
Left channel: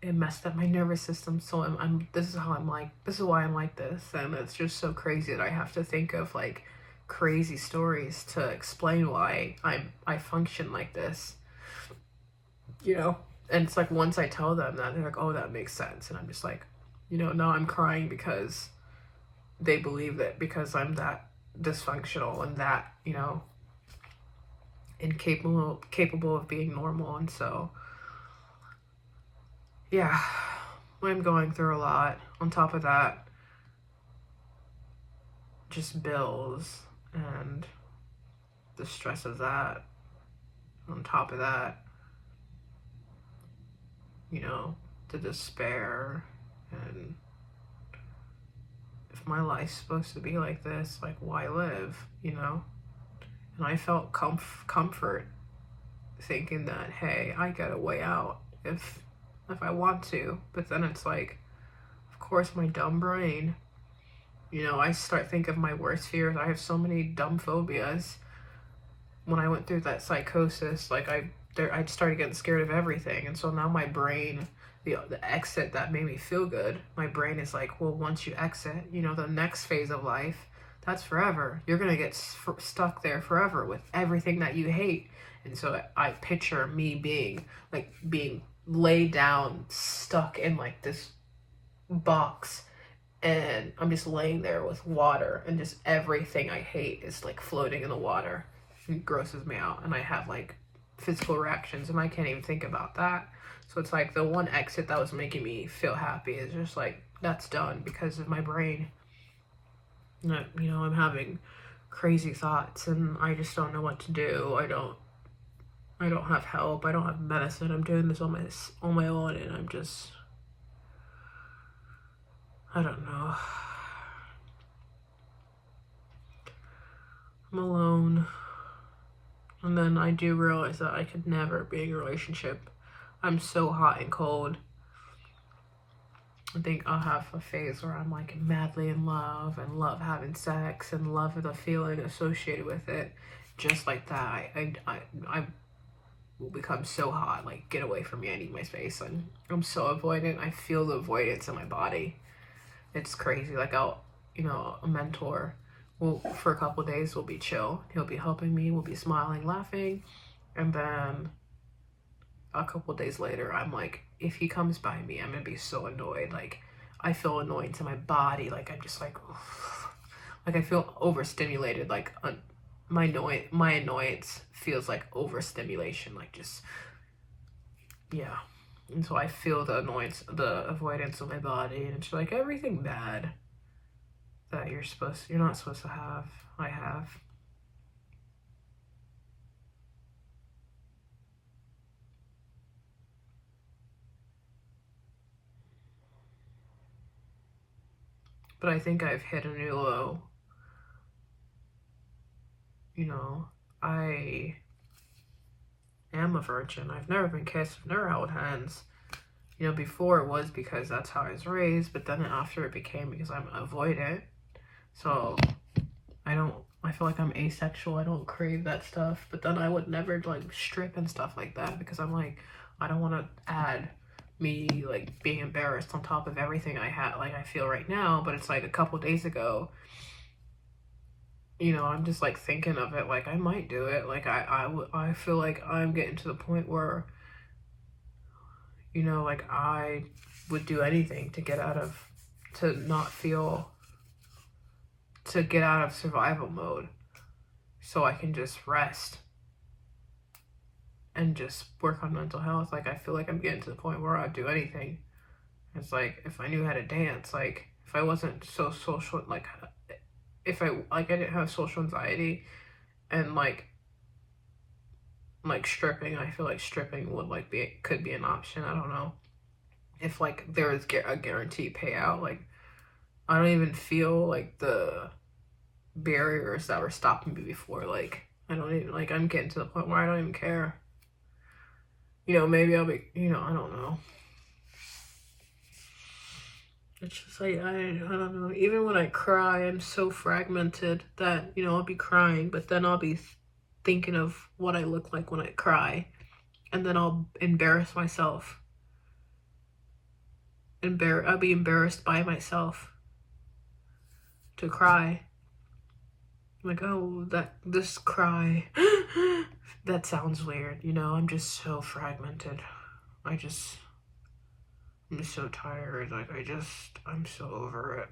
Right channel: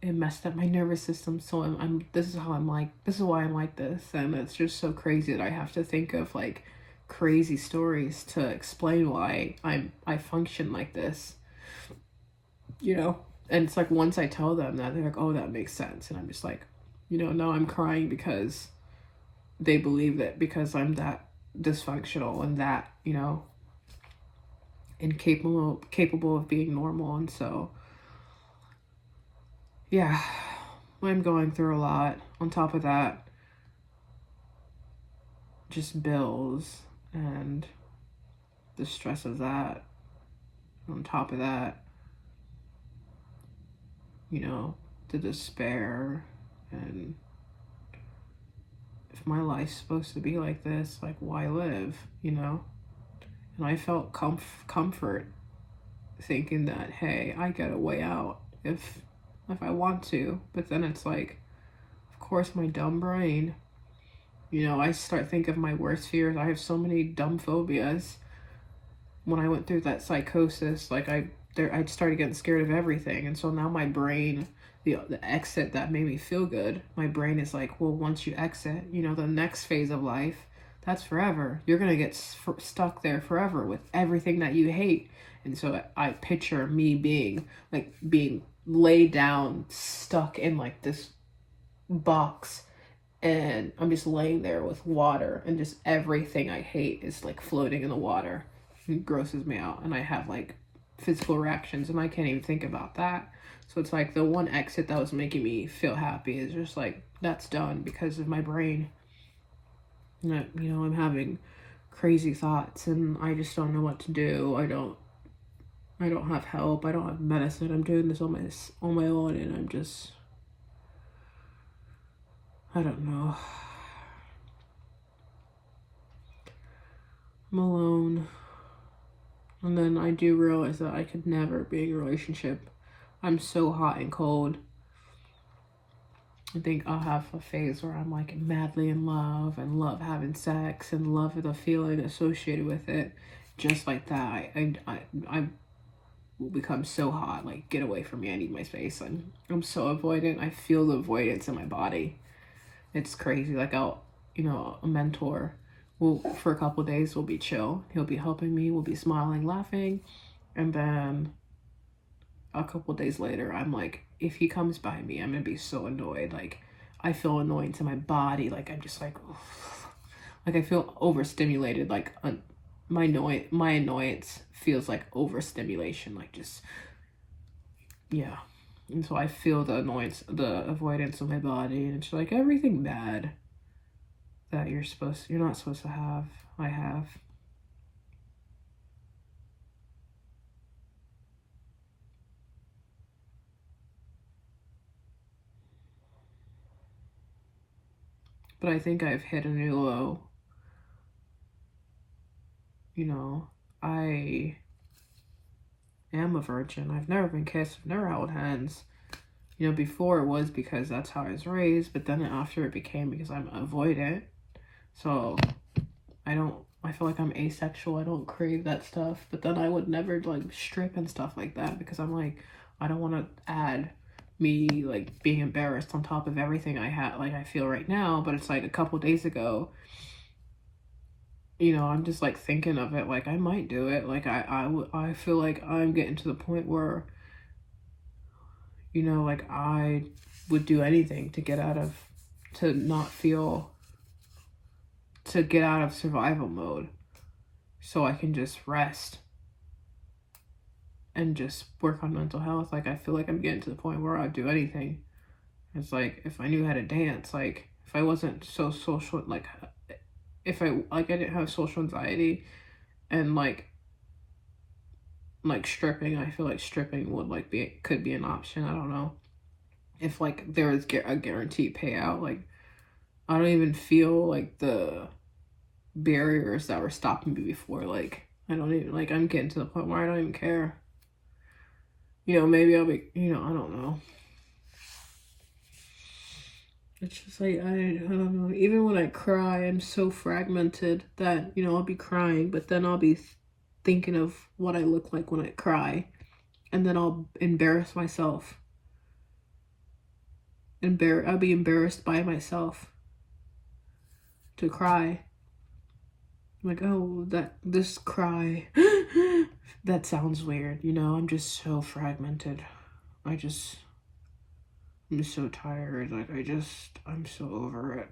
it messed up my nervous system. So this is why I'm like this. And it's just so crazy that I have to think of like crazy stories to explain why I function like this, you know. And it's like, once I tell them that, they're like, oh, that makes sense. And I'm just like, you know, now I'm crying because they believe that because I'm that dysfunctional and that, you know, incapable of being normal. And so, yeah, I'm going through a lot. On top of that, just bills and the stress of that. On top of that, you know, the despair, and if my life's supposed to be like this, like, why live, you know? And I felt comfort thinking that, hey, I get a way out if I want to. But then it's like, of course, my dumb brain, you know, I start thinking of my worst fears. I have so many dumb phobias. When I went through that psychosis, like I started getting scared of everything. And so now my brain, the exit that made me feel good, my brain is like, well, once you exit, you know, the next phase of life, that's forever. You're going to get stuck there forever with everything that you hate. And so I picture me being laid down, stuck in like this box, and I'm just laying there with water, and just everything I hate is like floating in the water. It grosses me out, and I have like physical reactions, and I can't even think about that. So it's like the one exit that was making me feel happy is just like, that's done because of my brain. And you know, I'm having crazy thoughts, and I just don't know what to do. I don't have help. I don't have medicine. I'm doing this on my own, and I don't know. I'm alone. And then I do realize that I could never be in a relationship. I'm so hot and cold. I think I'll have a phase where I'm like madly in love and love having sex and love the feeling associated with it. Just like that, I will become so hot, like, get away from me, I need my space. I'm so avoidant. I feel the avoidance in my body. It's crazy. Like, a mentor will, for a couple of days, will be chill. He'll be helping me, we'll be smiling, laughing, and then a couple of days later, I'm like, if he comes by me, I'm gonna be so annoyed. Like, I feel annoyance in my body. Like, I'm just like, oof. Like, I feel overstimulated. Like, my annoyance feels like overstimulation. Like, just, yeah. And so I feel the annoyance, the avoidance of my body, and it's like everything bad that you're not supposed to have, I have. But I think I've hit a new low. You know, I am a virgin. I've never been kissed. I've never held hands. You know, before it was because that's how I was raised, but then after it became because I'm avoidant. So I feel like I'm asexual. I don't crave that stuff. But then I would never like strip and stuff like that because I'm like, I don't want to add me like being embarrassed on top of everything I feel right now. But it's like a couple days ago, you know, I'm just like thinking of it, like I might do it. Like I feel like I'm getting to the point where, you know, like I would do anything to get out of survival mode so I can just rest and just work on mental health. Like, I feel like I'm getting to the point where I'd do anything. It's like, if I knew how to dance, like, if I wasn't so social, like, if I didn't have social anxiety, and like stripping, I feel like stripping would could be an option. I don't know if like there is a guaranteed payout. Like, I don't even feel like the barriers that were stopping me before. Like, I don't even, like, I'm getting to the point where I don't even care. You know, maybe I'll be, you know, I don't know. It's just like, I don't know. Even when I cry, I'm so fragmented that, you know, I'll be crying, but then I'll be thinking of what I look like when I cry, and then I'll embarrass myself. I'll be embarrassed by myself to cry. Like, oh, this cry, that sounds weird, you know. I'm just so fragmented. I'm just so tired. Like, I'm so over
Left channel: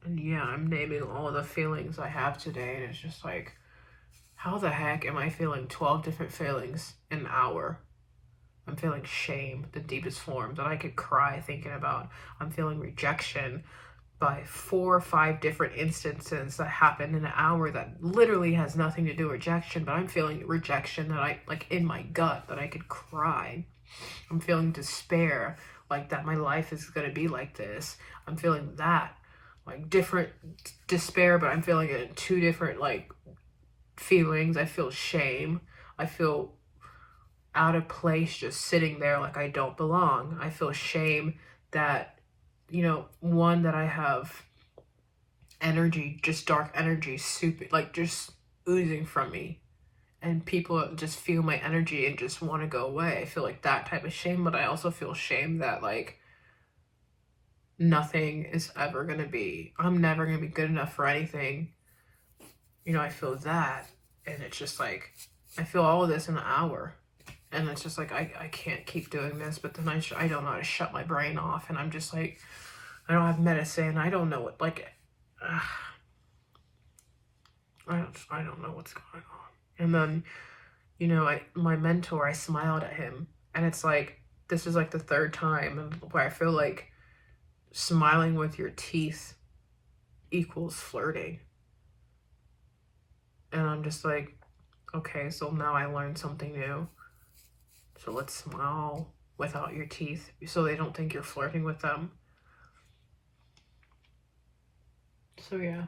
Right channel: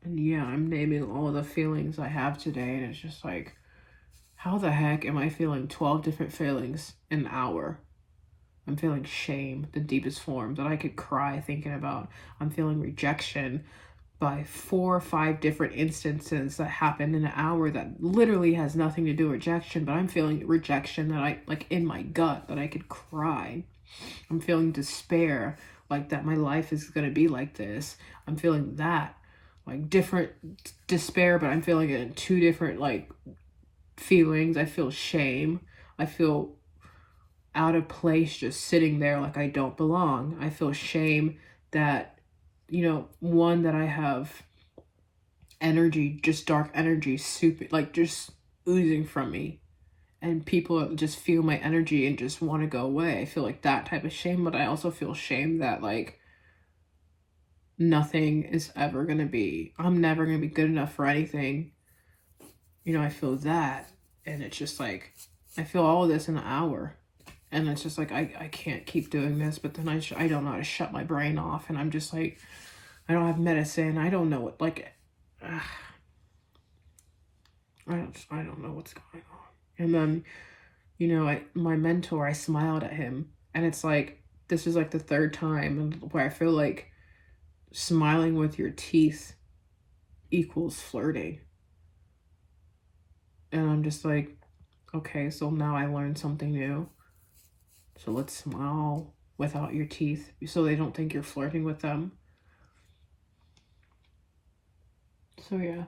it. And yeah, I'm naming all the feelings I have today, and it's just like, how the heck am I feeling 12 different feelings in an hour? I'm feeling shame, the deepest form that I could cry thinking about. I'm feeling rejection by 4 or 5 different instances that happened in an hour that literally has nothing to do with rejection, but I'm feeling rejection that I, like, in my gut, that I could cry. I'm feeling despair, like that my life is going to be like this. I'm feeling that, like, different despair, but I'm feeling it in 2 different, like, feelings. I feel shame. I feel out of place just sitting there like I don't belong. I feel shame that, one, that I have energy, just dark energy, super, like, just oozing from me. And people just feel my energy and just want to go away. I feel like that type of shame, but I also feel shame that, like, nothing is ever going to be, I'm never going to be good enough for anything. I feel that. And it's just like, I feel all of this in an hour. And it's just like, I can't keep doing this, but then I don't know how to shut my brain off. And I'm just like, I don't have medicine. I don't know what, like, I don't know what's going on. And then, my mentor, I smiled at him. And it's like, this is like the 3rd time where I feel like smiling with your teeth equals flirting. And I'm just like, okay, so now I learned something new. So let's smile without your teeth so they don't think you're flirting with them. So yeah.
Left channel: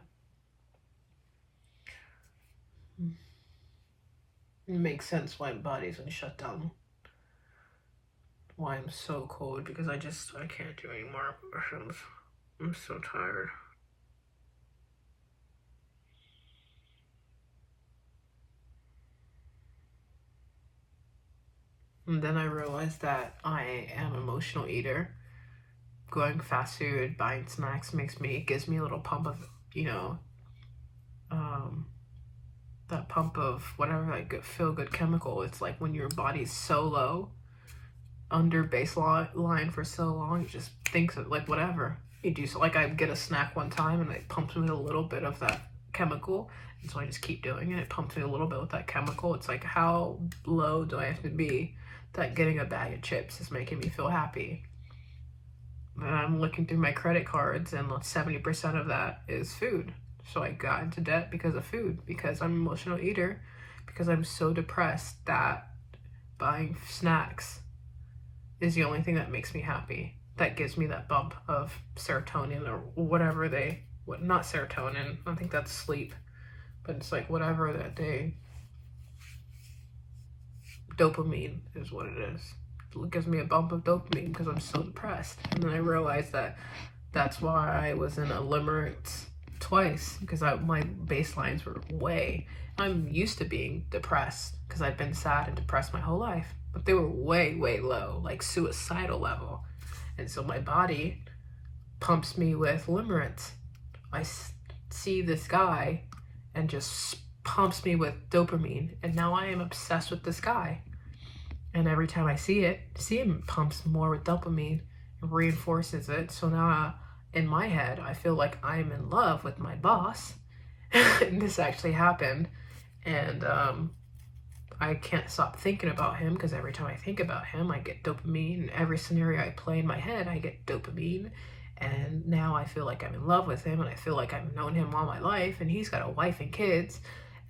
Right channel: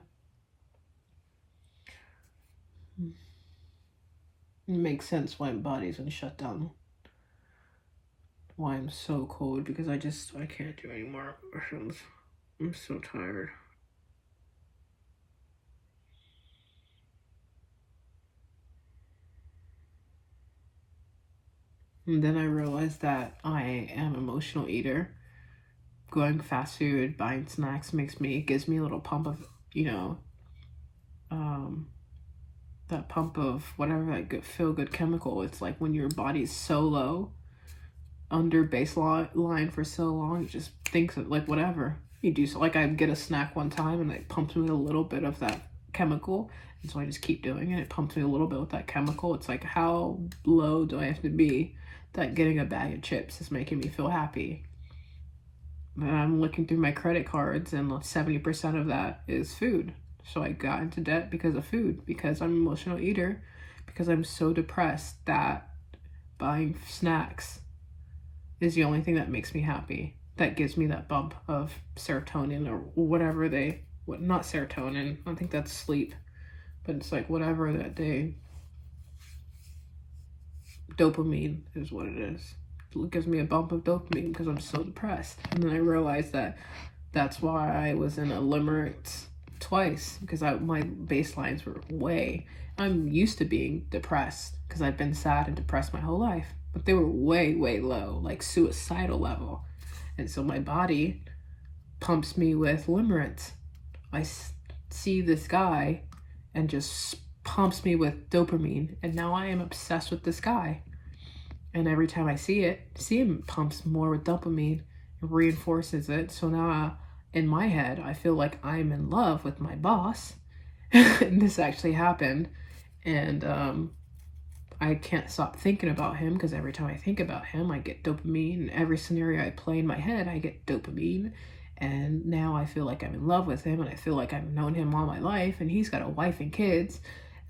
It makes sense why my body's been shut down. Why I'm so cold, because I can't do any more push-ups. I'm so tired. And then I realized that I am an emotional eater. Going fast food, buying snacks gives me a little pump of, that pump of whatever, like, feel good chemical. It's like when your body's so low, under baseline for so long, it just thinks of, like, whatever you do. So, like, I get a snack one time and it pumps me a little bit of that chemical, and so I just keep doing it. It pumps me a little bit with that chemical. It's like, how low do I have to be that getting a bag of chips is making me feel happy? And I'm looking through my credit cards, and 70% of that is food. So I got into debt because of food, because I'm an emotional eater, because I'm so depressed that buying snacks is the only thing that makes me happy, that gives me that bump of serotonin or whatever not serotonin, I think that's sleep, but it's like whatever that day, dopamine is what it is. It gives me a bump of dopamine because I'm so depressed. And then I realized that that's why I was in a limerence twice, because my baselines were I'm used to being depressed because I've been sad and depressed my whole life, but they were way, way low, like suicidal level. And so my body pumps me with limerence. I see this guy and just pumps me with dopamine, and now I am obsessed with this guy. And every time I see him pumps more with dopamine, reinforces it. So now in my head, I feel like I'm in love with my boss. And this actually happened. And I can't stop thinking about him, because every time I think about him, I get dopamine. And every scenario I play in my head, I get dopamine. And now I feel like I'm in love with him, and I feel like I've known him all my life, and he's got a wife and kids.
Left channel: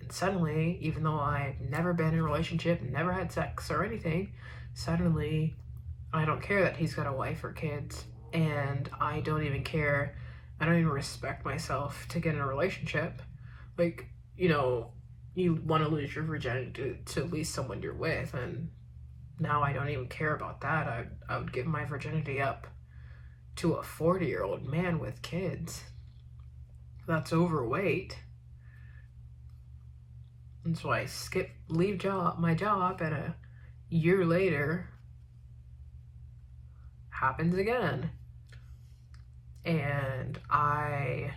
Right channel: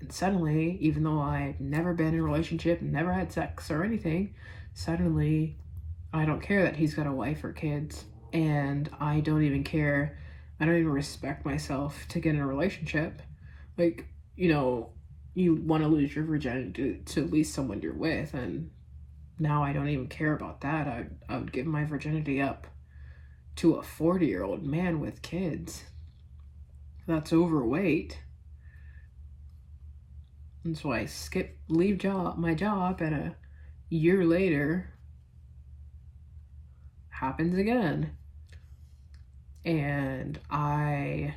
And suddenly, even though I've never been in a relationship, never had sex or anything, suddenly I don't care that he's got a wife or kids. And I don't even care. I don't even respect myself to get in a relationship. Like, you want to lose your virginity to at least someone you're with. And now I don't even care about that. I would give my virginity up to a 40-year-old man with kids that's overweight. And so I leave my job, and a year later happens again. And I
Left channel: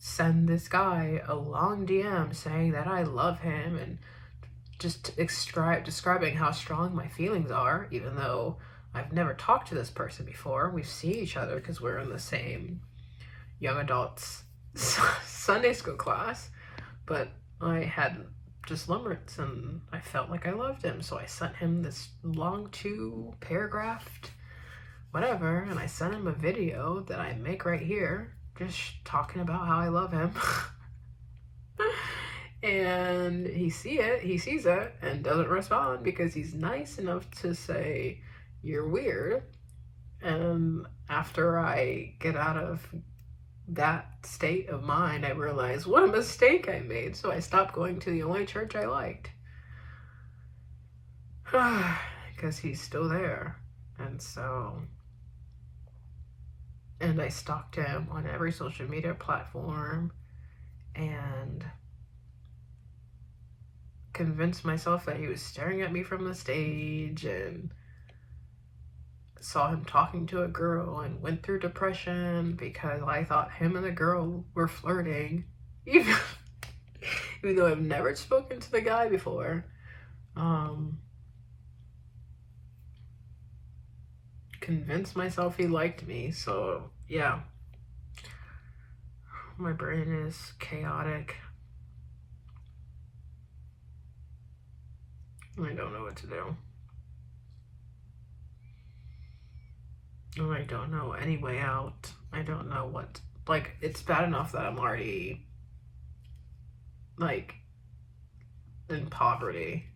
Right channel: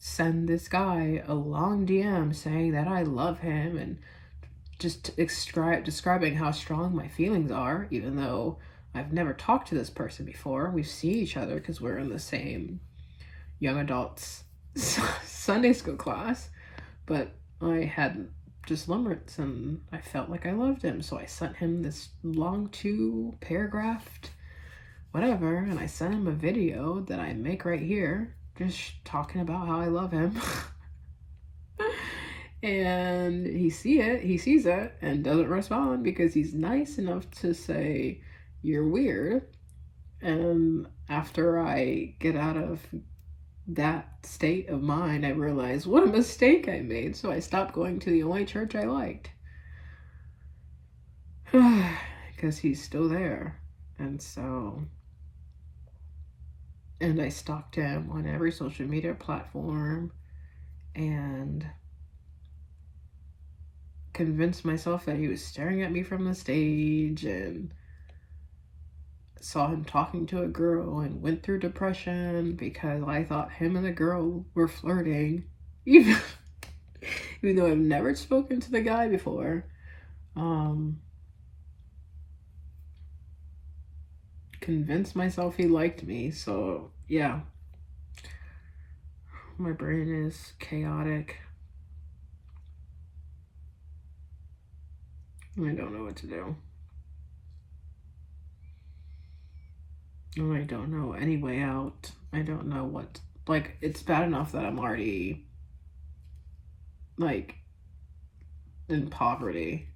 send this guy a long DM saying that I love him, and just describing how strong my feelings are, even though I've never talked to this person before. We've seen each other because we're in the same, young adults Sunday school class, but I had just limericks and I felt like I loved him, so I sent him this long 2-paragraphed whatever, and I sent him a video that I make right here, just talking about how I love him. And he sees it and doesn't respond because he's nice enough to say, "You're weird." And after I get out of that state of mind, I realized what a mistake I made. So I stopped going to the only church I liked. Because he's still there. And I stalked him on every social media platform and convinced myself that he was staring at me from the stage, and saw him talking to a girl and went through depression because I thought him and the girl were flirting, even though I've never spoken to the guy before. Convinced myself he liked me. So yeah, my brain is chaotic. I don't know what to do. I don't know any way out. I don't know what, like, it's bad enough that I'm already, like, in poverty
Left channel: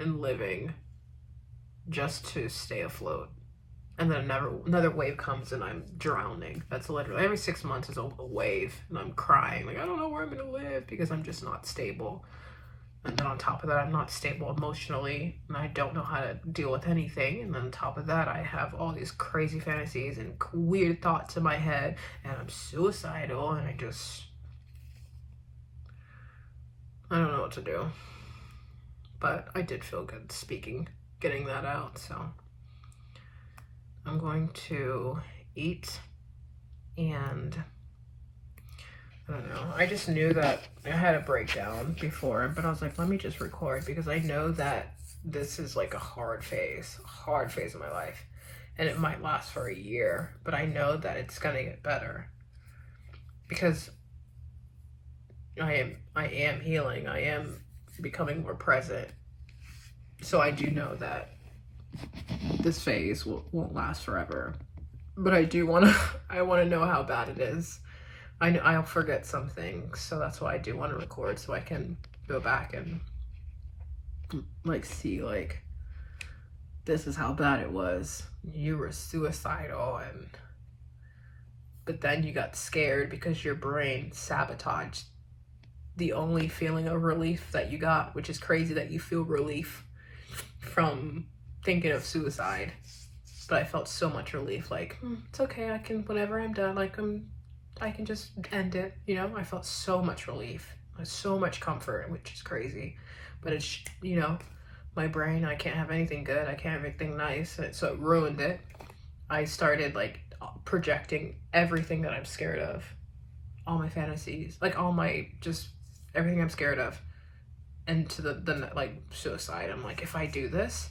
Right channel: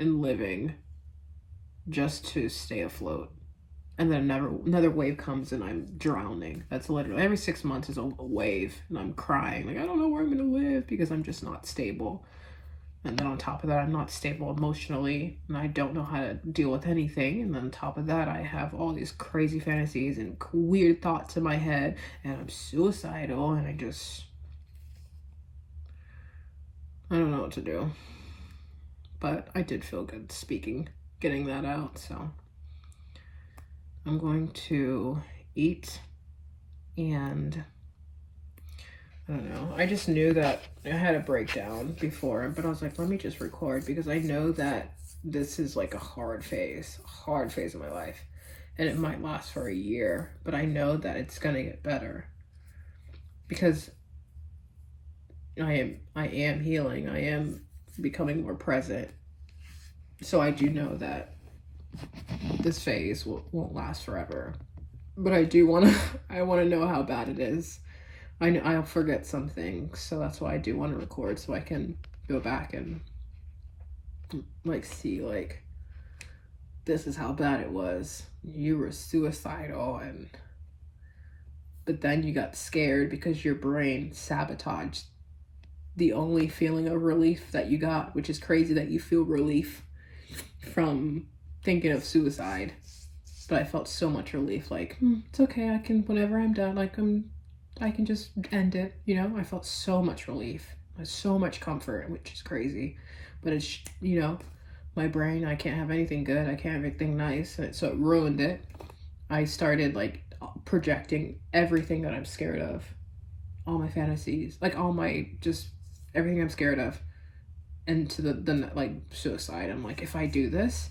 and living just to stay afloat. And then another wave comes and I'm drowning. That's literally, every 6 months is a wave and I'm crying. Like, I don't know where I'm gonna live because I'm just not stable. And then on top of that, I'm not stable emotionally, and I don't know how to deal with anything. And then on top of that, I have all these crazy fantasies and weird thoughts in my head, and I'm suicidal, and I don't know what to do. But I did feel good getting that out, so I'm going to eat, and I don't know. I just knew that I had a breakdown before, but I was like, let me just record because I know that this is like a hard phase of my life, and it might last for a year, but I know that it's gonna get better because I am healing. I am becoming more present. So I do know that this phase won't last forever, but I want to know how bad it is. I'll forget something, so that's why I do want to record, so I can go back and like see, like, this is how bad it was. You were suicidal, but then you got scared because your brain sabotaged the only feeling of relief that you got, which is crazy that you feel relief from thinking of suicide. But I felt so much relief, like, it's okay, I can, whenever I'm done, like, I can just end it, you know? I felt so much relief, so much comfort, which is crazy. But it's, you know, my brain, I can't have anything good, I can't have anything nice, so it ruined it. I started, like, projecting everything that I'm scared of, all my fantasies, like, all my, just everything I'm scared of, into the like, suicide. I'm like, if I do this,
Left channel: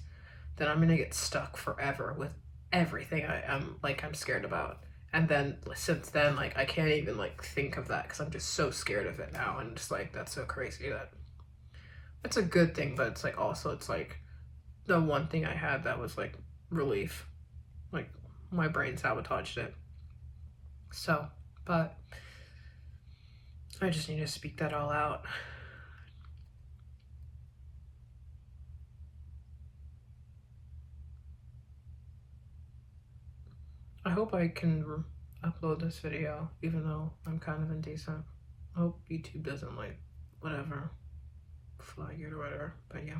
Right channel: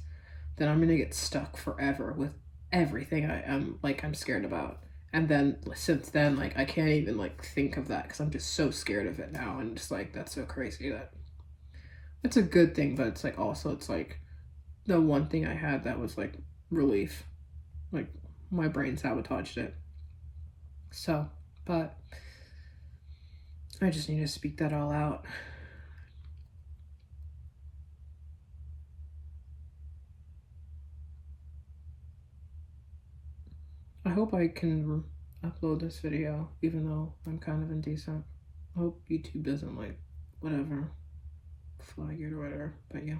then I'm gonna get stuck forever with everything I'm scared about. And then since then, like, I can't even like think of that because I'm just so scared of it now. And just like, that's so crazy that it's a good thing, but it's like also it's like the one thing I had that was like relief. Like, my brain sabotaged it. So, but I just need to speak that all out. I hope I can upload this video, even though I'm kind of indecent. I hope YouTube doesn't, like, whatever, flag it or whatever, but yeah.